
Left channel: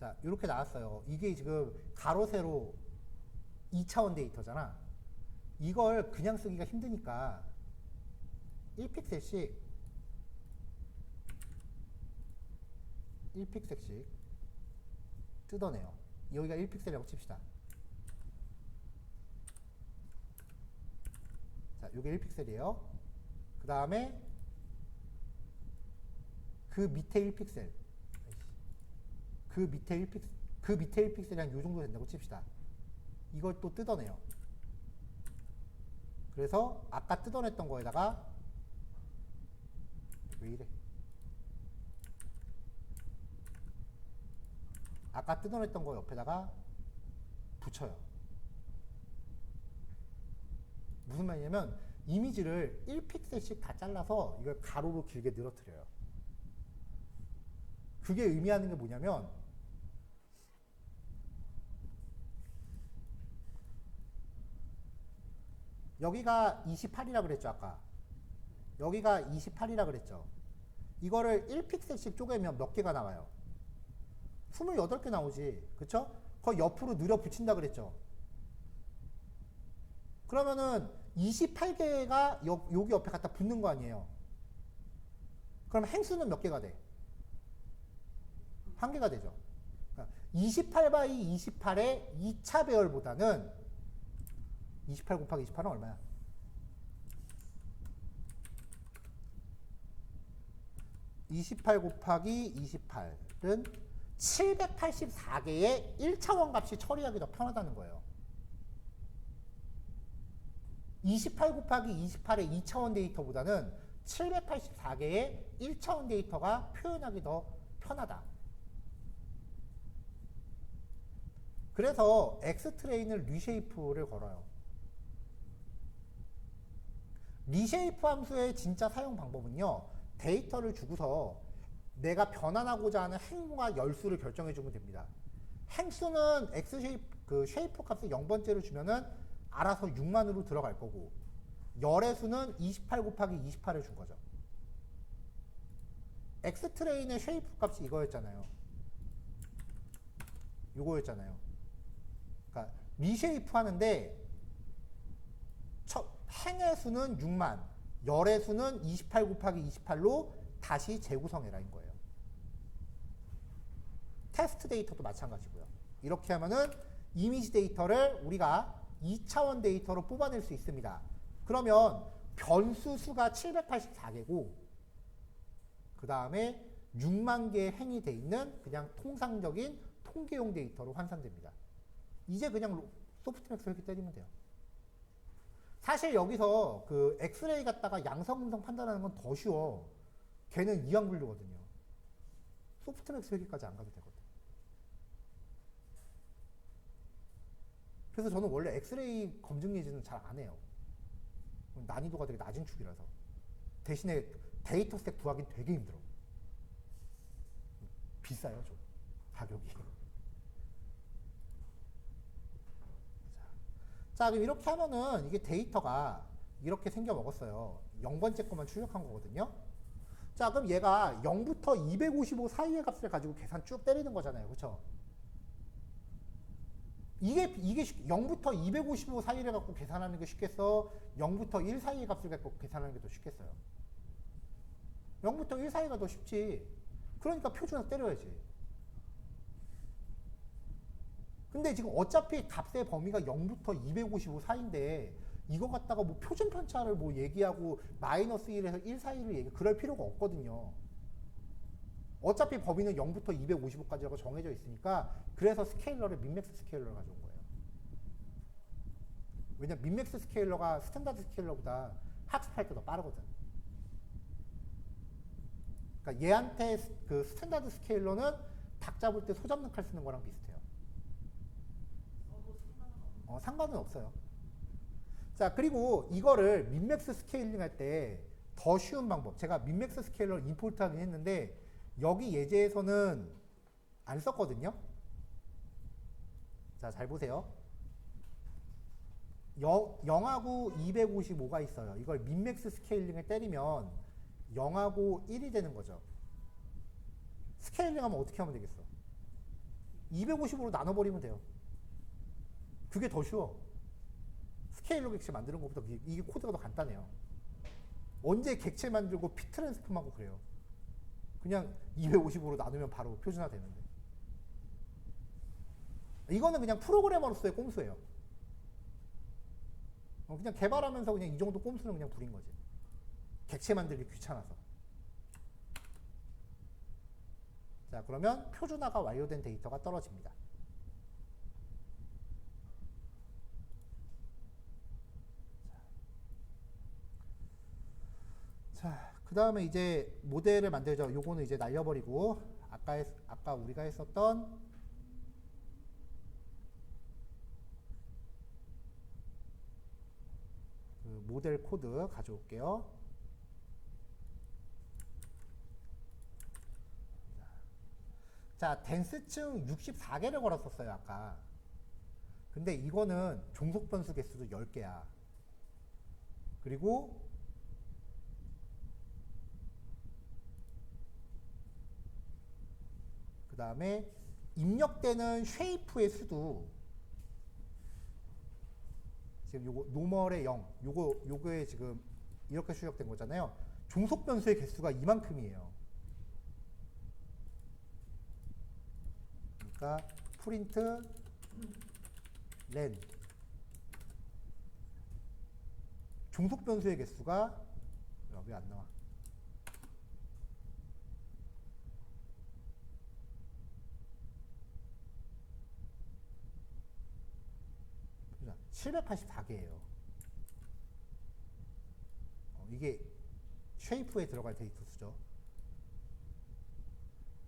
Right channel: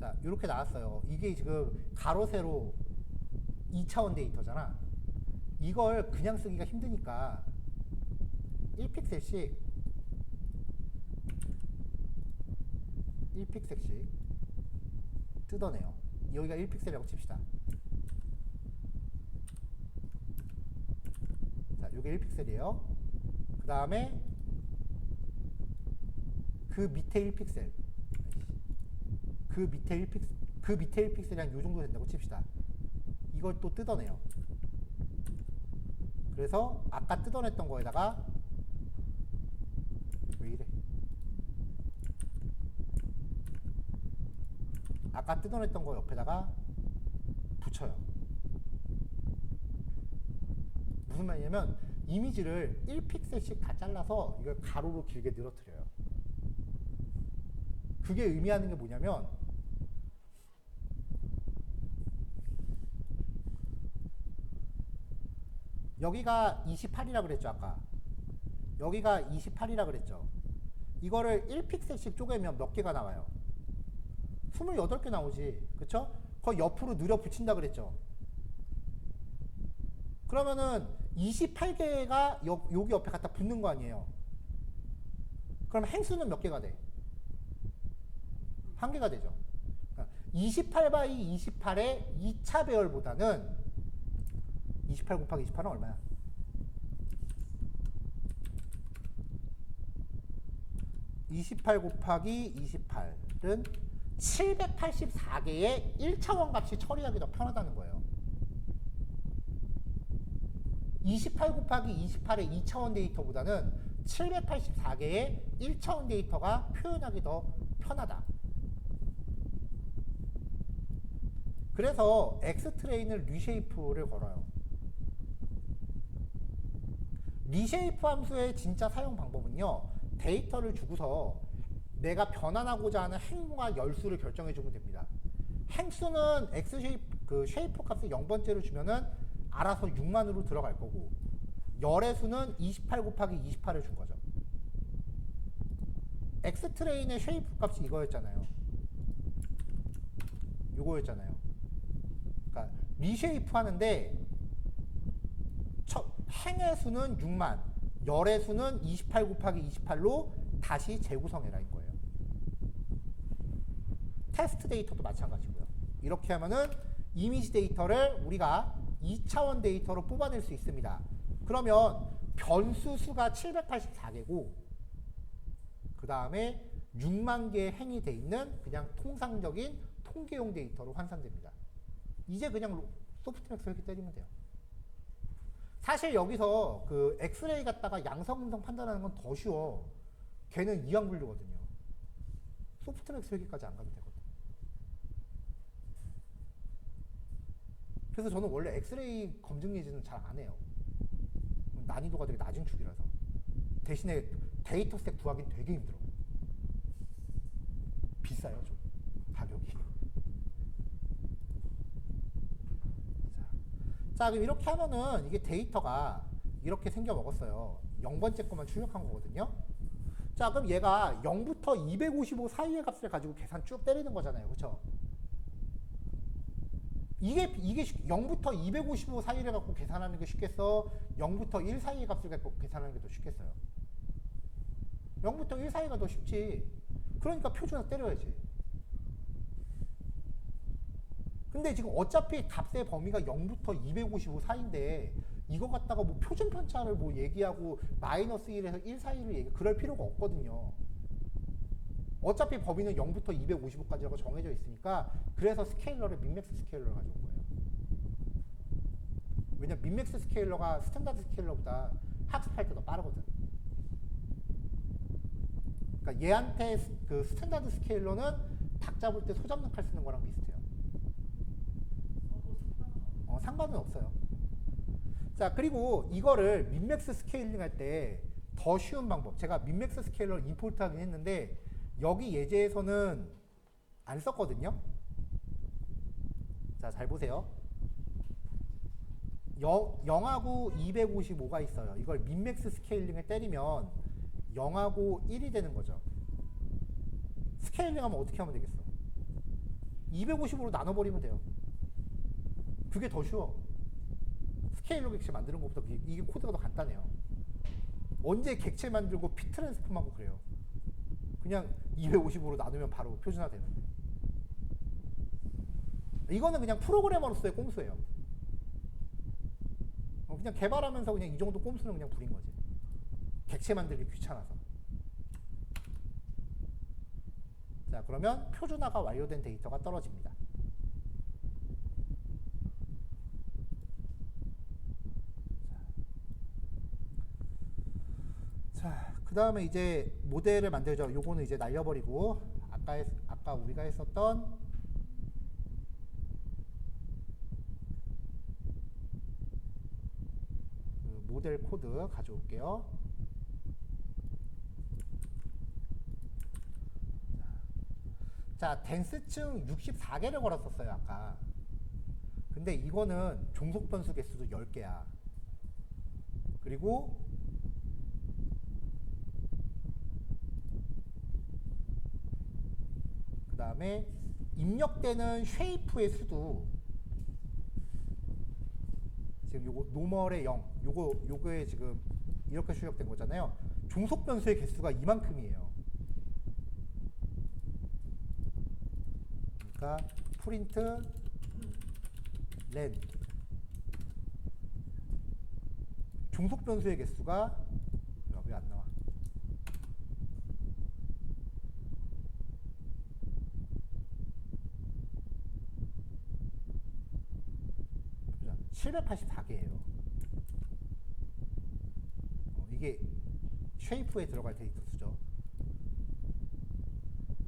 자, 이렇게 나왔어요. 이게 지금 가로 세로 2차원 데이터잖아. 이걸 그냥 쓰기가 힘드니까 1픽셀씩 뜯어내요. 여기가 1픽셀이라고 칩시다. 자, 요게 1픽셀이에요. 그 다음에 그 밑에 1픽셀, 그 밑에 1픽셀이랑 요 정도 된다고 칩시다. 이걸 또 뜯어내요. 그래서 아까 뜯어냈던 거에다가 왜 이래? 아까 뜯어냈던 거 옆에다가 붙여요. 무슨 말이냐면 이미지를 1픽셀씩 다 잘라서 이걸 가로로 길게 늘어뜨려요. 그게 의미하는 게 뭐냐면 여기가 28이라 그랬죠 아까. 여기가 28이라 그랬죠. 이거를 1픽셀씩 쪼개면 몇 개가 나와요? 28개 나오지. 그쵸? 거의 옆으로 늘어 붙인다 그랬죠. 그러면은 28개가 여기 옆에 갖다 붙는 거 아니에요. 그럼 행수는 몇 개가 돼? 1개가 되죠. 28 x 28의 2차 배열보다는 28 곱하기 28은 얼마야? 28 곱하기 28은 784개의 1차원 값이 처리하기 더 편하다는 거예요. 28 곱하기 28의 2차원 데이터보다는 784개의 1차원 데이터가 표현하기 더 편하다. 그래서 X트레인을 리쉐이프를 걸어요. 리쉐이프 함수의 진짜 사용 방법은요. 데이터를 주고서 내가 변환하고자 하는 행과 열수를 결정해 주면 됩니다. 행수는 X쉐이프 쉐이프 값을 0번째로 주면은 알아서 6만으로 들어갈 거고 열의 수는 28 곱하기 28을 준 거죠. X트레인의 쉐이프 값이 이거였잖아요. 이거였잖아요. 그러니까 리쉐이프 하는데 행의 수는 6만, 열의 수는 28 곱하기 28로 다시 재구성해라인 거예요. 테스트 데이터도 마찬가지고요. 이렇게 하면은 이미지 데이터를 우리가 2차원 데이터로 뽑아낼 수 있습니다. 그러면 변수 수가 784개고 그 다음에 6만 개의 행이 돼 있는 그냥 통상적인 통계용 데이터로 환산됩니다. 이제 그냥 소프트맥스 이렇게 때리면 돼요. 사실 여기서 그 엑스레이 갖다가 양성 음성 판단하는 건 더 쉬워. 걔는 이항 분류거든요. 소프트맥스 회계까지 안 가도 되거든. 그래서 저는 원래 엑스레이 검증 예제는 잘 안 해요. 난이도가 되게 낮은 축이라서. 대신에 데이터 스택 구하기는 되게 힘들어. 비싸요, 좀. 가격이. 자, 그럼 이렇게 하면은 이게 데이터가 이렇게 생겨 먹었어요. 0번째 것만 출력한 거거든요. 자, 그럼 얘가 0부터 255 사이의 값을 가지고 계산 쭉 때리는 거잖아요. 그쵸? 이게 0부터 255 사이를 갖고 계산하는 게 쉽겠어? 0부터 1 사이의 값을 갖고 계산하는 게 더 쉽겠어요? 0부터 1 사이가 더 쉽지. 그러니까 표준화 때려야지. 근데 지금 어차피 값의 범위가 0부터 255 사이인데 이거 갖다가 뭐 표준 편차를 뭐 얘기하고 마이너스 1에서 1 사이를 얘기 그럴 필요가 없거든요. 어차피 범위는 0부터 255까지라고 정해져 있으니까 그래서 스케일러를 민맥스 스케일러를 가져온 거예요. 왜냐면 민맥스 스케일러가 스탠다드 스케일러보다 학습할 때 더 빠르거든. 그러니까 얘한테 그 스탠다드 스케일러는 닭 잡을 때 소 잡는 칼 쓰는 거랑 비슷해요. 상관은 없어요. 자, 그리고 이거를 민맥스 스케일링 할 때 더 쉬운 방법. 제가 민맥스 스케일러를 임포트 하긴 했는데 여기 예제에서는 안 썼거든요. 자, 잘 보세요. 0하고 255가 있어요. 이걸 민맥스 스케일링을 때리면 0하고 1이 되는 거죠. 스케일링 하면 어떻게 하면 되겠어? 255로 나눠버리면 돼요. 그게 더 쉬워. 스케일러 객체 만드는 것보다 이게 코드가 더 간단해요. 언제 객체 만들고 피 트랜스폼하고 그래요. 그냥 255로 나누면 바로 표준화 되는데. 이거는 그냥 프로그래머로서의 꼼수예요. 그냥 개발하면서 그냥 이 정도 꼼수는 그냥 부린 거지. 객체 만들기 귀찮아서. 자, 그러면 표준화가 완료된 데이터가 떨어집니다. 자, 그 다음에 이제 모델을 만들죠. 요거는 이제 날려버리고 아까 우리가 했었던 그 모델 코드 가져올게요. 자, 댄스층 64개를 걸었었어요, 아까. 근데 이거는 종속 변수 개수도 10개야. 그리고 그 다음에 입력되는 쉐이프의 수도 지금 요거 노멀의 0, 요거에 지금 이렇게 출력된 거잖아요. 종속 변수의 개수가 이만큼이에요. 그러니까 프린트 len 종속 변수의 개수가 왜 안 나와? 보자. 784개예요. 이게 쉐이프에 들어갈 데이터 수죠.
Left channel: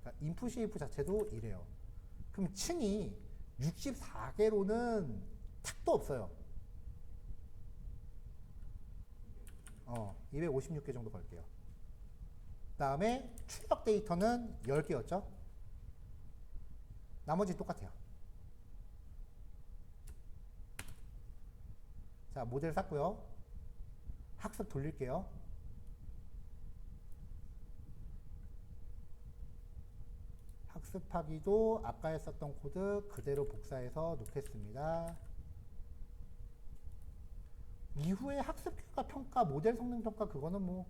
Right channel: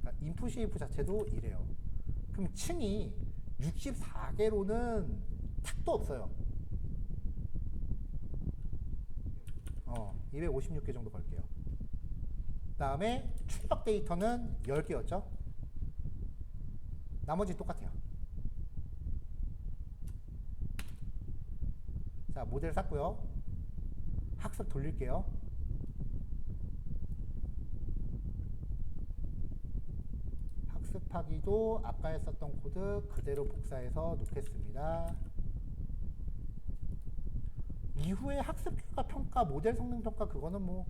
그러니까 인풋 쉐이프 자체도 이래요. 그럼 층이 64개로는 탁도 없어요. 256개 정도 걸게요. 그 다음에 출력 데이터는 10개였죠. 나머지 똑같아요. 자, 모델 샀고요. 학습 돌릴게요. 학습하기도 아까 했었던 코드 그대로 복사해서 놓겠습니다. 이후에 학습 결과 평가, 모델 성능 평가 그거는 뭐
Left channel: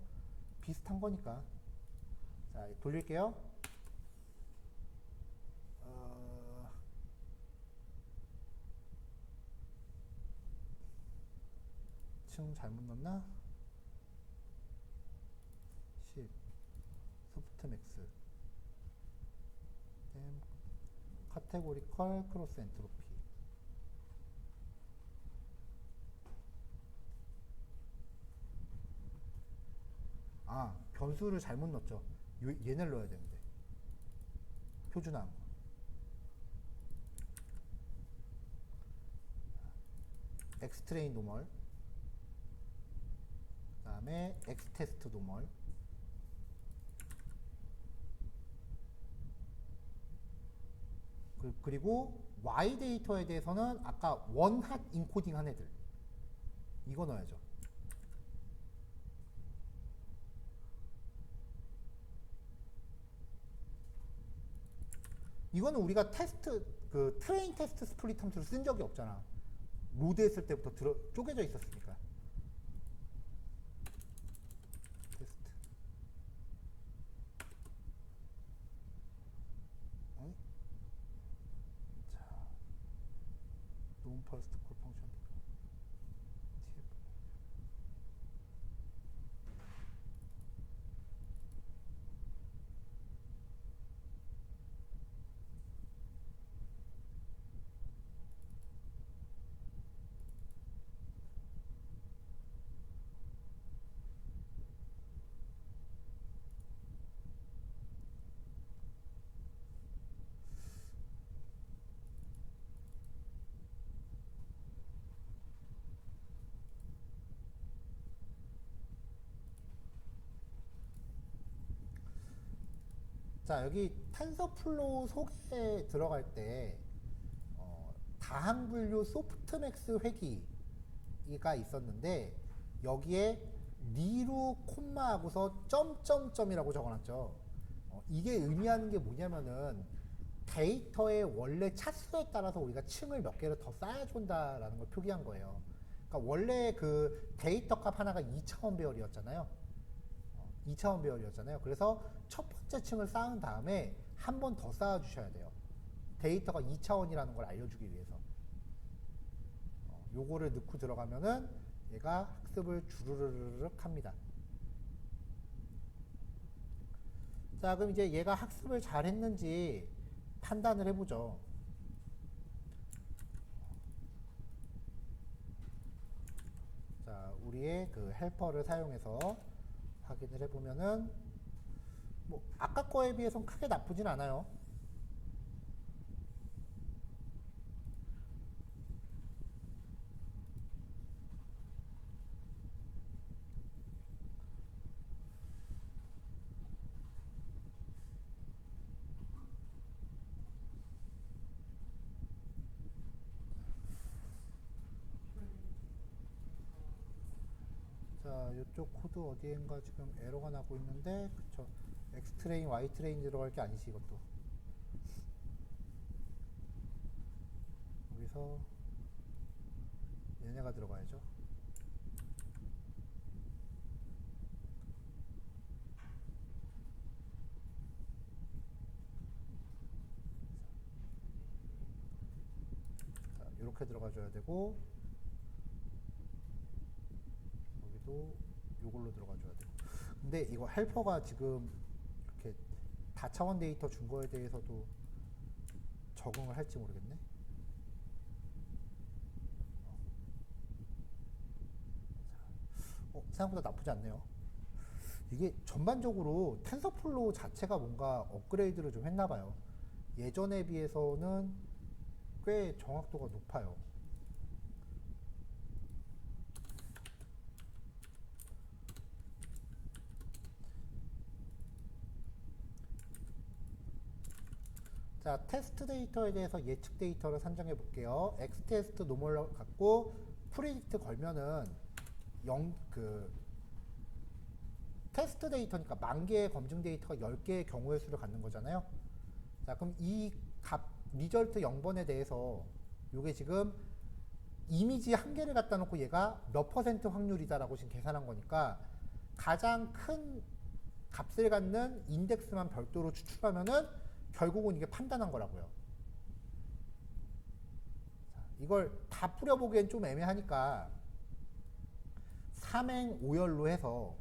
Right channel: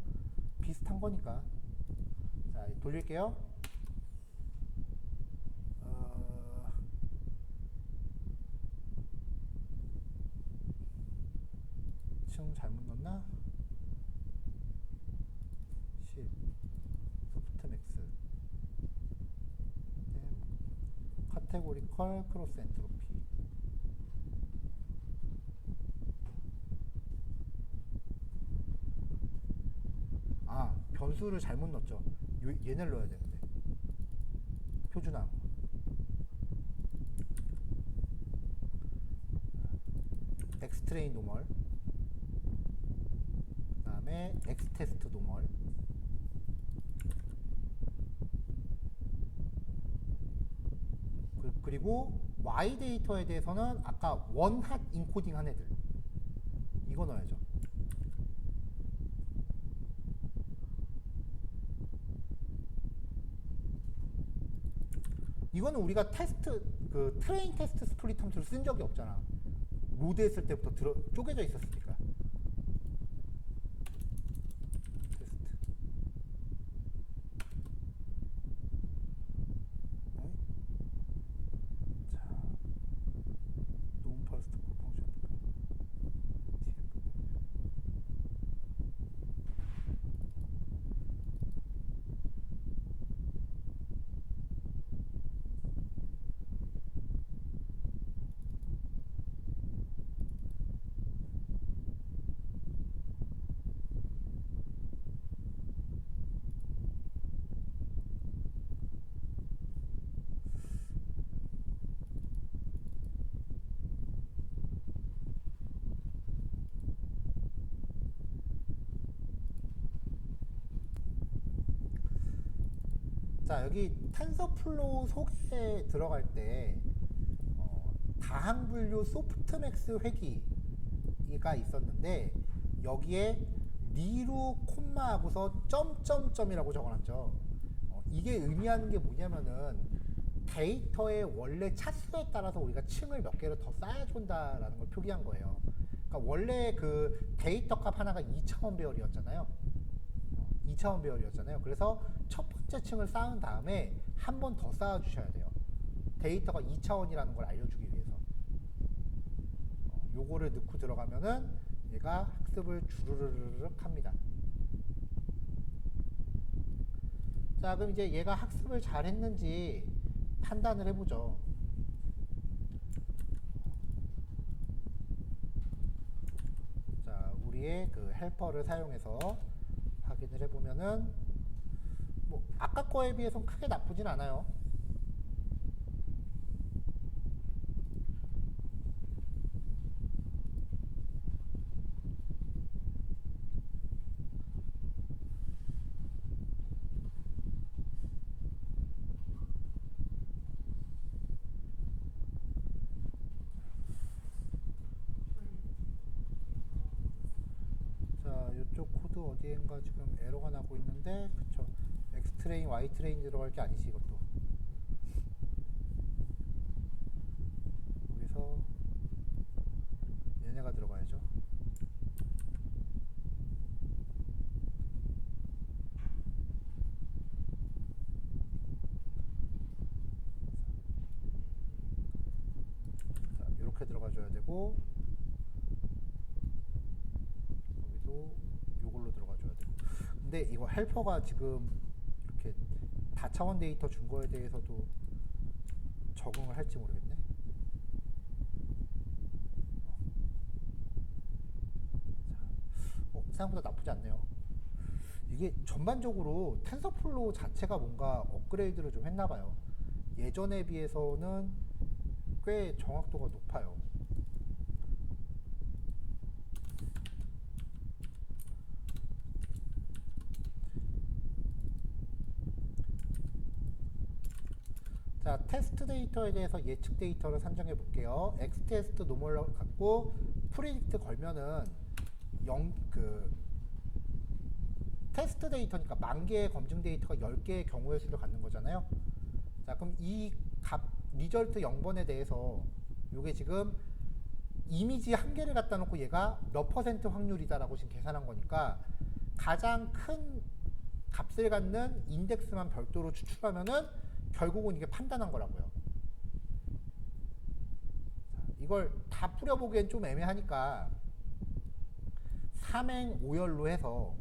비슷한 거니까. 자, 돌릴게요. 층 잘못 넣었나? 10 소프트맥스 카테고리컬 크로스 엔트로피. 아, 변수를 잘못 넣었죠. 얘네를 넣어야 되는데. 표준화. 엑스트레인 노멀. 그 다음에 엑스테스트 노멀. 그리고 Y 데이터에 대해서는 아까 원핫 인코딩 한 애들. 이거 넣어야죠. 이거는 우리가 테스트, 트레인 테스트 스플릿 함수를 쓴 적이 없잖아. 로드 했을 때부터 쪼개져 있었으니까. 테스트. 자, 논 퍼스트 콜 펑션. 자, 여기 텐서플로우 속에 들어갈 때 다항 분류 소프트맥스 회기가 있었는데 여기에 리로 콤마하고서 점점점이라고 적어놨죠. 이게 의미하는 게 뭐냐면은 데이터의 원래 차수에 따라서 우리가 층을 몇 개를 더 쌓아준다라는 걸 표기한 거예요. 그러니까 원래 그 데이터 값 하나가 2차원 배열이었잖아요. 2차원 배열이었잖아요. 그래서 첫 번째 층을 쌓은 다음에 한 번 더 쌓아 주셔야 돼요. 데이터가 2차원이라는 걸 알려주기 위해서. 요거를 넣고 들어가면은 얘가 학습을 주르르륵 합니다. 자, 그럼 이제 얘가 학습을 잘 했는지 판단을 해보죠. 자, 우리의 그 헬퍼를 사용해서 확인을 해보면은 뭐 아까 거에 비해서는 크게 나쁘진 않아요. 자, 이쪽 코드 어디엔가 지금 에러가 나고 있는데, 그쵸. X 트레인, Y 트레인 들어갈 게 아니지, 이것도. 여기서 얘네가 들어가야죠. 자, 이렇게 들어가줘야 되고, 여기도 요걸로 들어가줘야 되고. 근데 이거 헬퍼가 지금 이렇게 다차원 데이터 준 거에 대해서도 적응을 할지 모르겠네. 생각보다 나쁘지 않네요. 이게 전반적으로 텐서플로우 자체가 뭔가 업그레이드를 좀 했나봐요. 예전에 비해서는 꽤 정확도가 높아요. 자, 테스트 데이터에 대해서 예측 데이터를 산정해 볼게요. X 테스트 노멀 갖고 프리딕트 걸면은 테스트 데이터니까 10,000개의 검증 데이터가 10개의 경우의 수를 갖는 거잖아요. 자, 그럼 이 리절트 0번에 대해서 이게 지금 이미지 1개를 갖다 놓고 얘가 몇 퍼센트 확률이다라고 지금 계산한 거니까 가장 큰 값을 갖는 인덱스만 별도로 추출하면은 결국은 이게 판단한 거라고요. 자, 이걸 다 뿌려보기엔 좀 애매하니까 3행 5열로 해서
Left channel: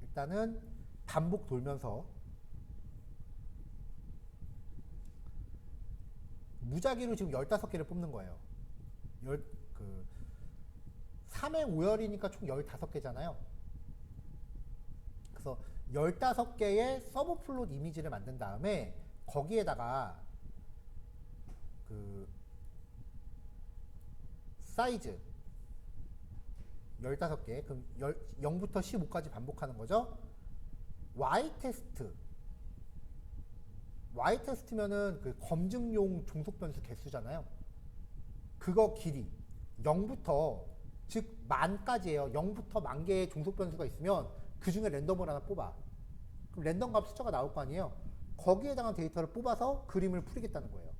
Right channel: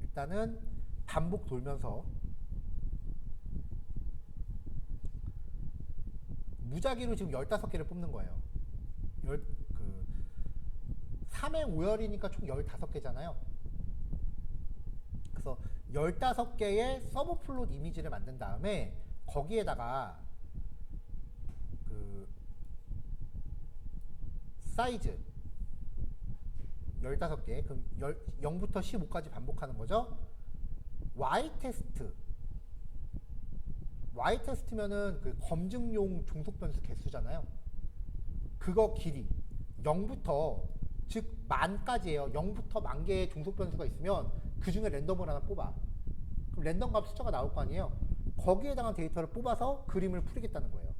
일단은 반복 돌면서 무작위로 지금 15개를 뽑는 거예요. 3행 5열이니까 총 15개잖아요. 그래서 15개의 서브 플롯 이미지를 만든 다음에 거기에다가 그 사이즈 15개, 그럼 0부터 15까지 반복하는 거죠. Y 테스트면은 그 검증용 종속 변수 개수잖아요. 그거 길이 0부터 즉 10,000까지예요. 0부터 10,000개의 종속 변수가 있으면 그 중에 랜덤을 하나 뽑아. 그럼 랜덤 값 숫자가 나올 거 아니에요. 거기에 해당한 데이터를 뽑아서 그림을 풀이겠다는 거예요.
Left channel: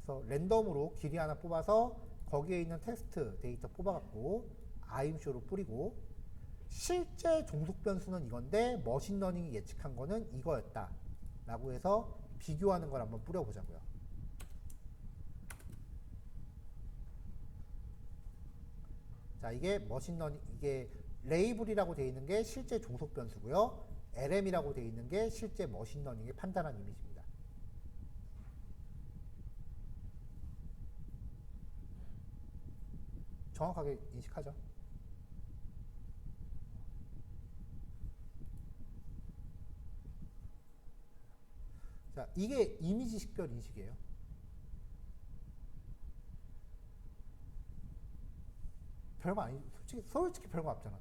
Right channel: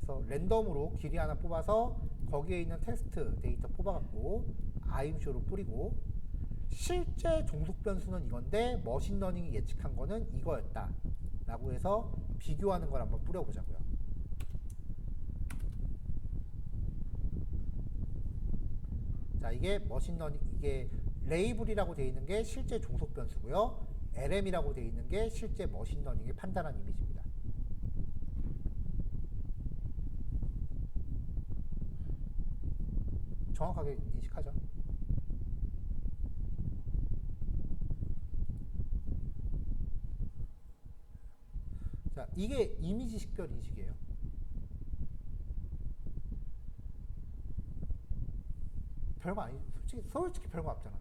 그래서 랜덤으로 길이 하나 뽑아서 거기에 있는 테스트 데이터 뽑아갖고 아임쇼로 뿌리고 실제 종속 변수는 이건데 머신러닝이 예측한 거는 이거였다 라고 해서 비교하는 걸 한번 뿌려보자고요. 자, 이게 머신러닝, 이게 레이블이라고 되어 있는 게 실제 종속 변수고요. LM이라고 되어 있는 게 실제 머신러닝이 판단한 이미지입니다. 정확하게 인식하죠. 자, 이게 이미지 식별 인식이에요. 별거 아니, 솔직히 별거 없잖아.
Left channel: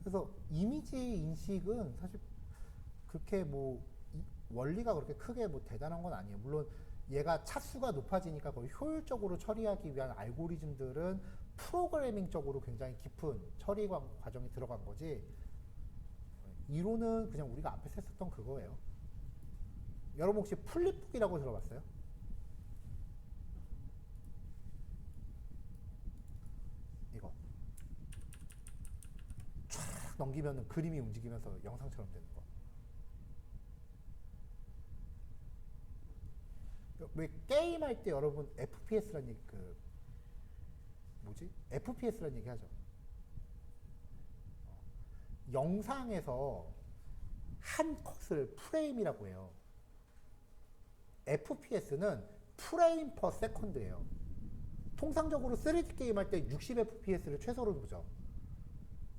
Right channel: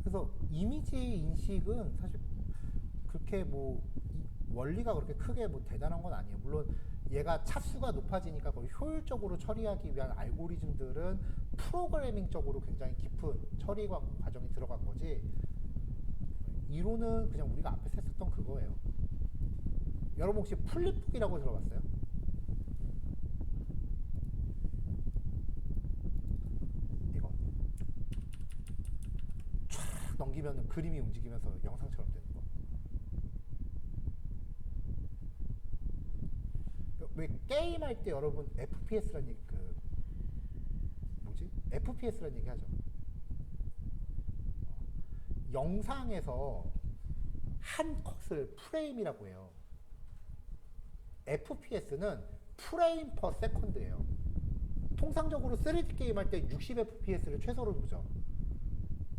그래서 이미지 인식은 사실 그렇게 뭐 원리가 그렇게 크게 뭐 대단한 건 아니에요. 물론 얘가 차수가 높아지니까 거의 효율적으로 처리하기 위한 알고리즘들은 프로그래밍적으로 굉장히 깊은 처리 과정이 들어간 거지, 이론은 그냥 우리가 앞에서 했었던 그거예요. 여러분 혹시 플립북이라고 들어봤어요? 이거 쫙 넘기면 그림이 움직이면서 영상처럼 되는 거. 왜 게임할 때 여러분 FPS라는 얘기, FPS라는 얘기 하죠. 영상에서 한 컷을 프레임이라고 해요. FPS는 프레임 퍼 세컨드예요. 통상적으로 3D 게임 할 때 60fps를 최소로 보죠.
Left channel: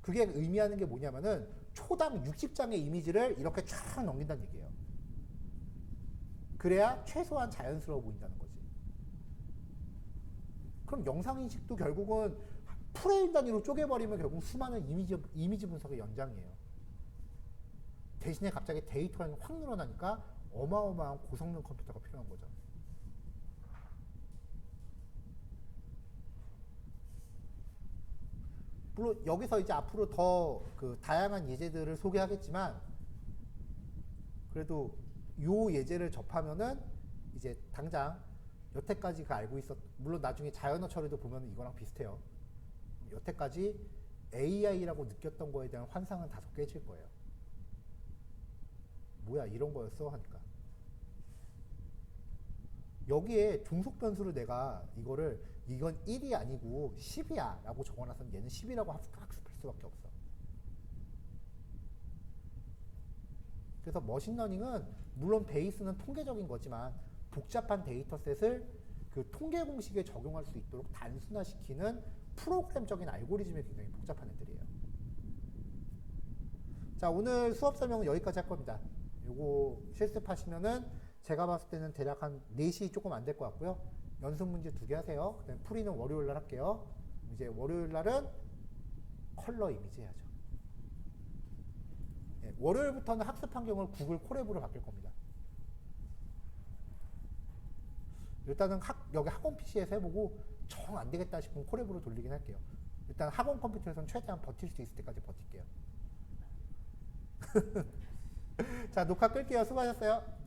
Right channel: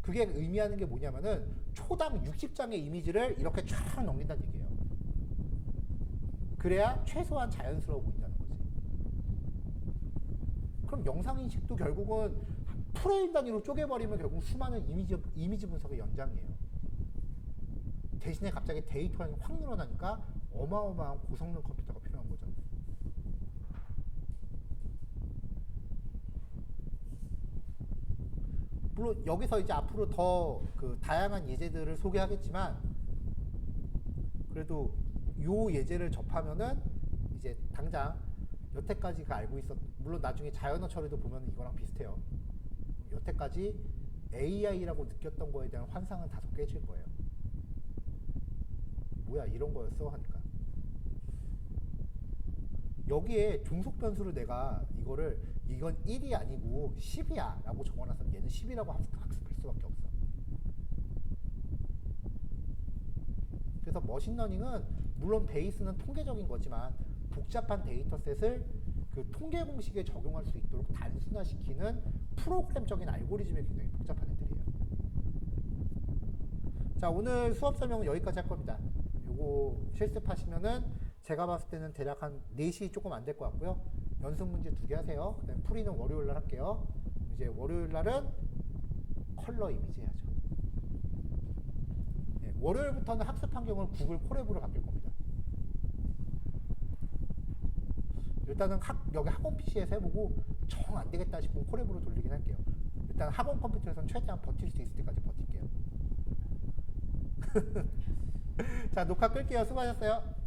그게 의미하는 게 뭐냐면은 초당 60장의 이미지를 이렇게 쫙 넘긴다는 얘기예요. 그래야 최소한 자연스러워 보인다는 거지. 그럼 영상인식도 결국은 프레임 단위로 쪼개버리면 결국 수많은 이미지 분석의 연장이에요. 대신에 갑자기 데이터량이 확 늘어나니까 어마어마한 고성능 컴퓨터가 필요한 거죠. 물론 여기서 이제 앞으로 더 그 다양한 예제들을 소개하겠지만 그래도 요 예제를 접하면은 이제 당장 여태까지가 알고 있었, 물론 나중에 자연어 처리도 보면 이거랑 비슷해요. 여태까지 AI라고 느꼈던 거에 대한 환상은 다소 깨질 거예요. 뭐야 이런 거였어 하니까. 여기에 종속 변수를 내가 이거를 이건 1이 아니고 10이야 라고 적어놨으면 얘는 10이라고 학습할 수밖에 없어. 그래서 머신러닝은 물론 베이스는 통계적인 거지만 복잡한 데이터셋을 그 통계 공식에 적용할 수 있도록 단순화시키는 프로그램적인 알고리즘이 굉장히 복잡한 애들이에요. 자, 오늘 수업 설명은 여기까지 할 겁니다. 요거 실습하시면은 제가 봤을 때는 대략 한 4시 조금 안 될 것 같고요. 연습 문제 2개 하세요. 그다음에 풀이는 월요일 날 할게요. 이제 월요일 날은 컬러 이미지 해야죠. 네, 월요일부터는 학습 환경을 구글 콜앱으로 바뀔 겁니다. 일단은 여기 학원 PC에서 해보고 정 안 되겠다 싶으면 콜앱으로 돌리긴 할게요. 일단 학원 컴퓨터에서는 최대한 버틸 수 있을 때까지 버틸게요. 자, 녹화 끌게요. 수고하셨어요.